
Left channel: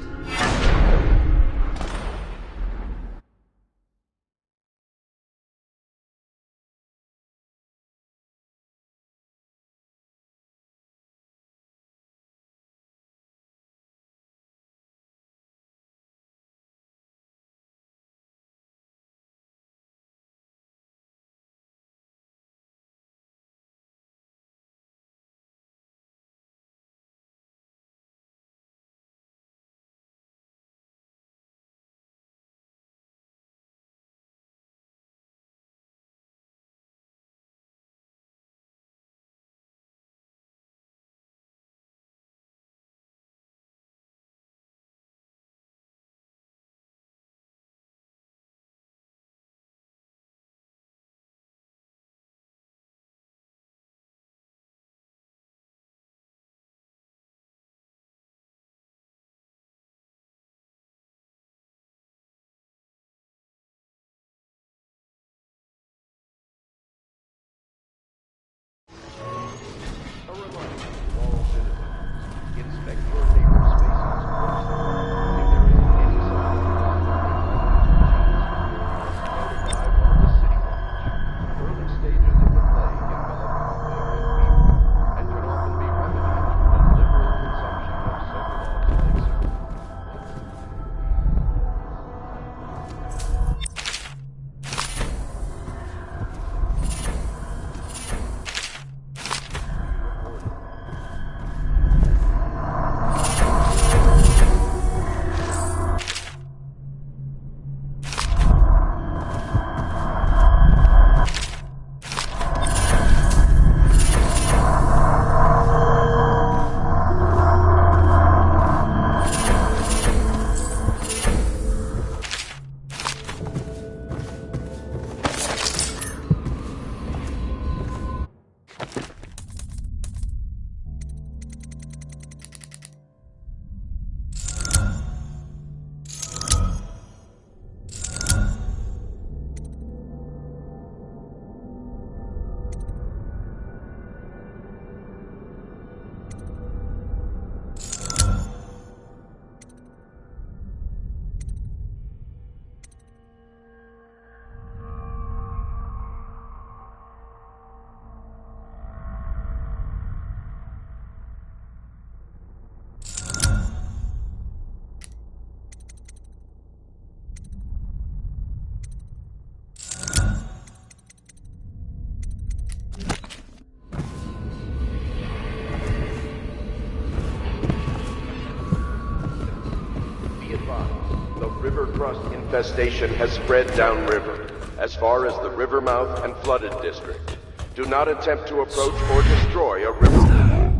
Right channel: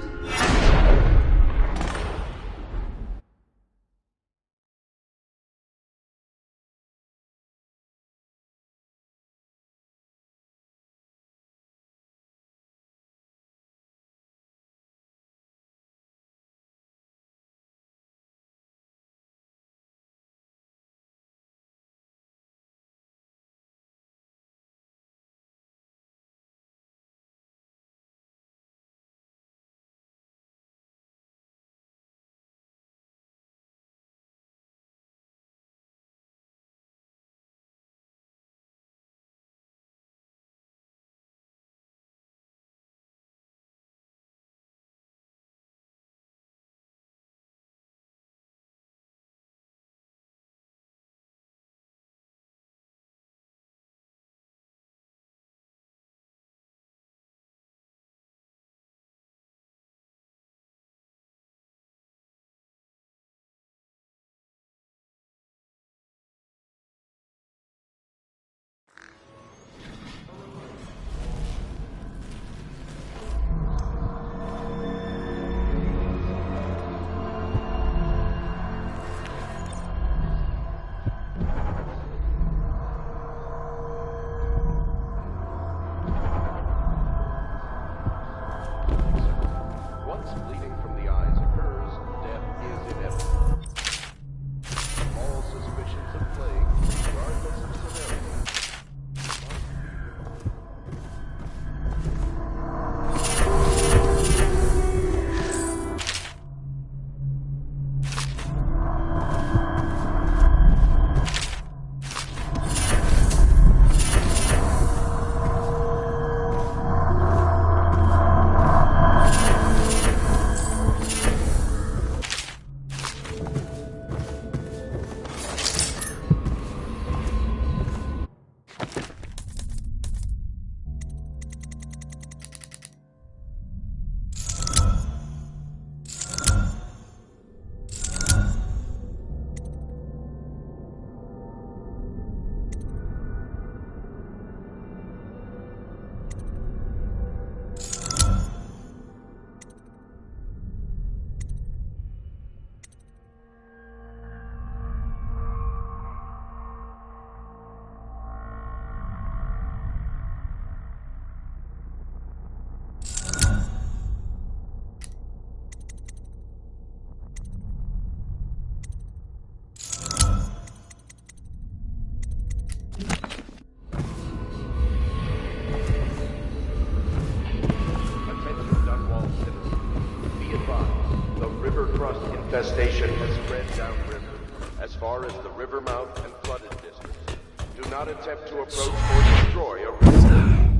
Infestation has spread downriver, as far as the river mouth and flooded district. Do not attempt to approach or destroy a river.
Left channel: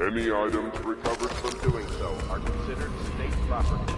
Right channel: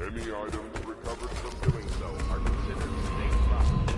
Any items recovered from doing so are considered state property.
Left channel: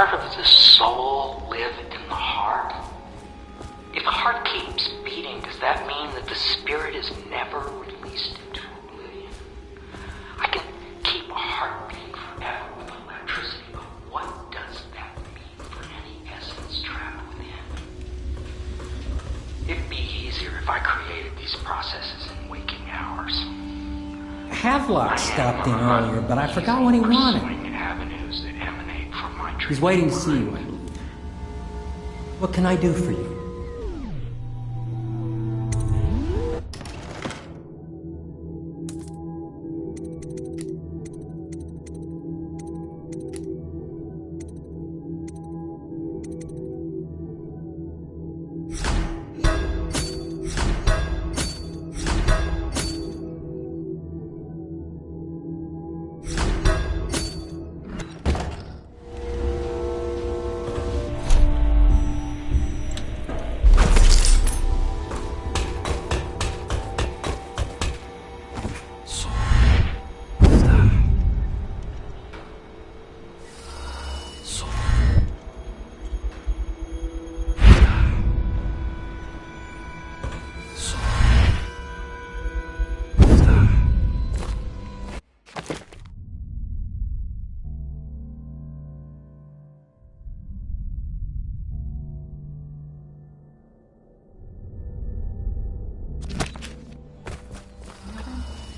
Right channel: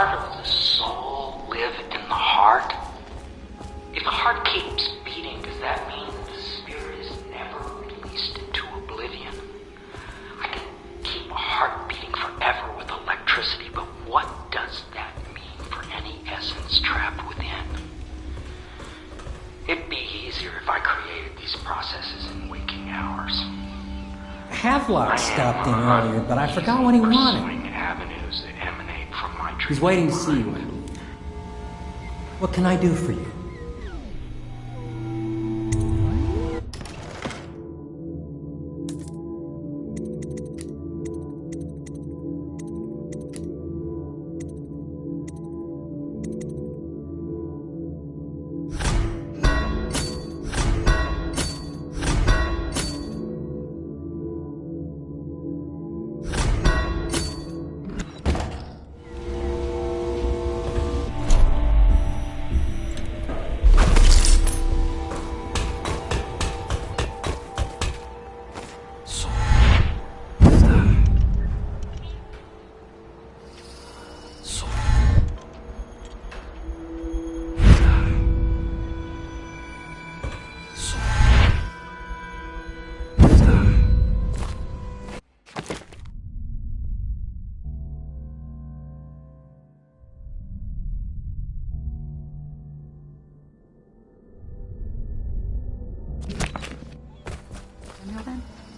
part of the soul live in the heart? If the heart keeps beating, does that mean that the spirit is never released into oblivion? I can keep a heart beating forever with electricity, but what does that mean for any essence trapped within? It'd be easier if I created these processes in waking hours. Havelock stopped in earlier, but I forgot what he wanted. Avenues that emanate from my dream. He's waiting to see you, I believe. What can I do for you?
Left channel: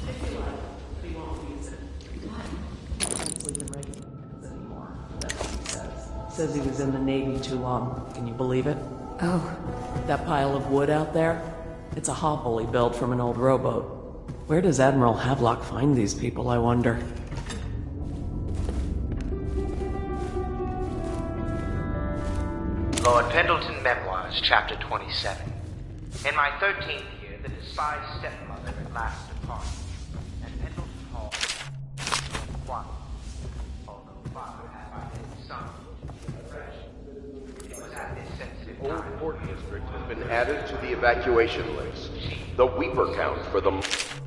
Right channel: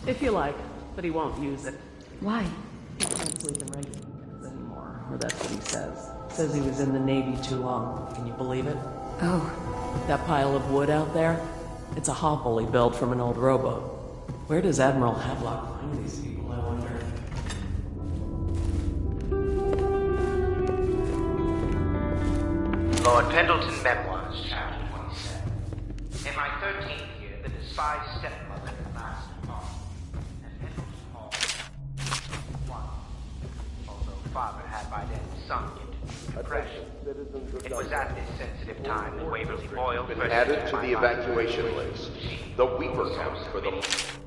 If you like, but he won't use it. Why? He can't sleep in regular beds anymore, or that's what he says. Says he was in the Navy too long. Can you believe it? Oh. That pile of wood out there? It's a hovel he built from an old rowboat. Where does Admiral Havelock find these people, I wonder? Lord Pendleton Memoirs, Chapter 27. In my 13th year, the despised stepmother at last departed, and Pendleton Hall was, although father had by then sunk into depression. It was at this sensitive time that Waverly Boyle been added to the evacuation list. The weeper count for the month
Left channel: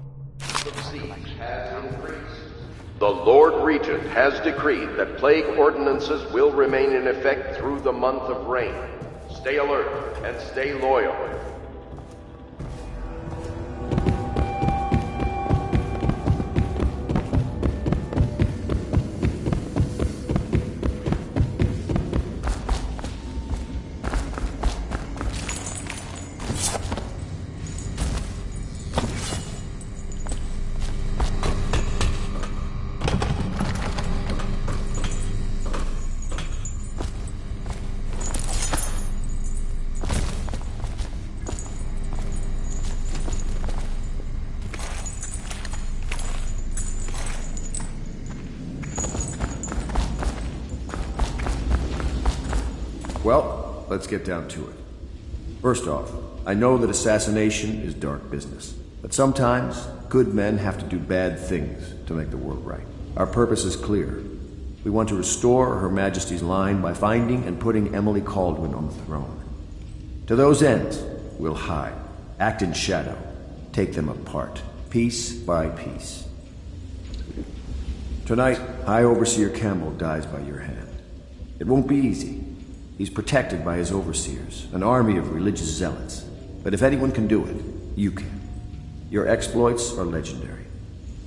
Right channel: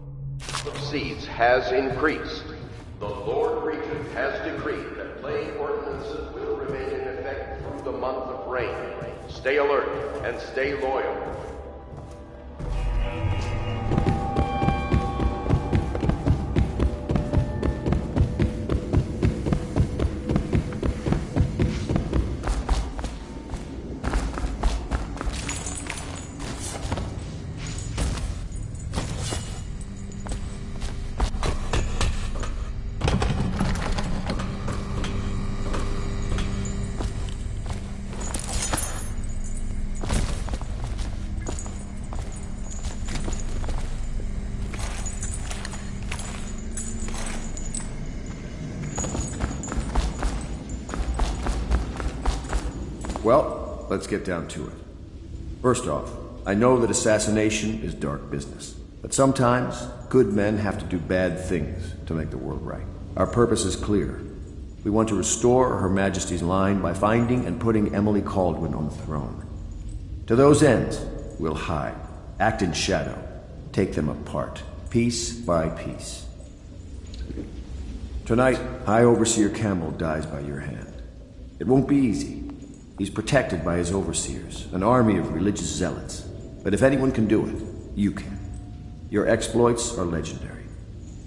of seeds has increased. The Lord Regent has decreed that plague ordinances will remain in effect through the month of rain. Stay alert and stay loyal. Well, let's get down to it. First off, I know that assassination is dark business, but sometimes good men have to do bad things to make the world right. Our purpose is clear. We want to restore Her Majesty's line by finding and putting Emily Kaldwin on the throne. To those ends, we'll hide, act in shadow, take them apart, piece by piece. Tonight, High Overseer Campbell dies by your hand. It won't be easy. He's protected by his overseers, an army of religious zealots. But if anyone can do it, you can. Your exploits are legendary.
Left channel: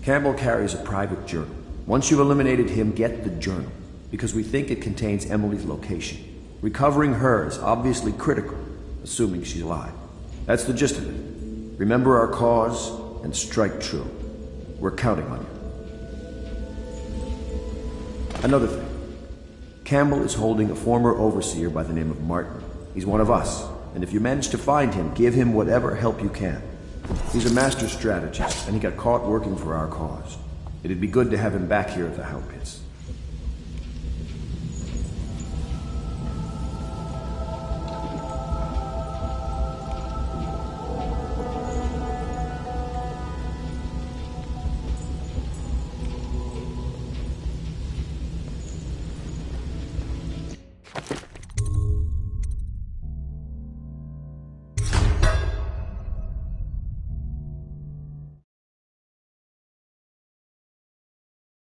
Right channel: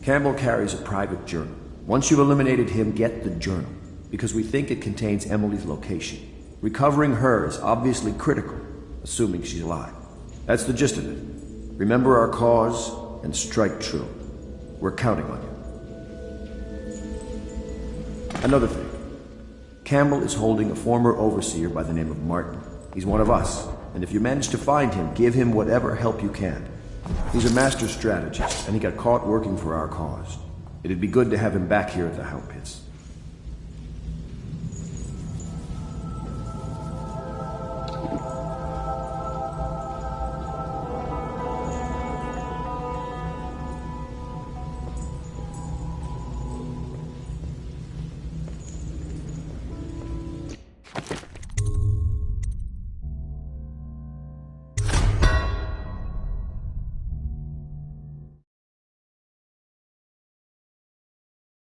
Campbell carries a private journal. Once you've eliminated him, get the journal, because we think it contains Emily's location. Recovering her is obviously critical, assuming she's alive. That's the gist of it. Remember our cause and strike true. We're counting on you. Another thing. Campbell is holding a former overseer by the name of Martin. He's one of us, and if you manage to find him, give him whatever help you can. He's a master strategist, and he got caught working for our cause. It'd be good to have him back here at the Hound Pits.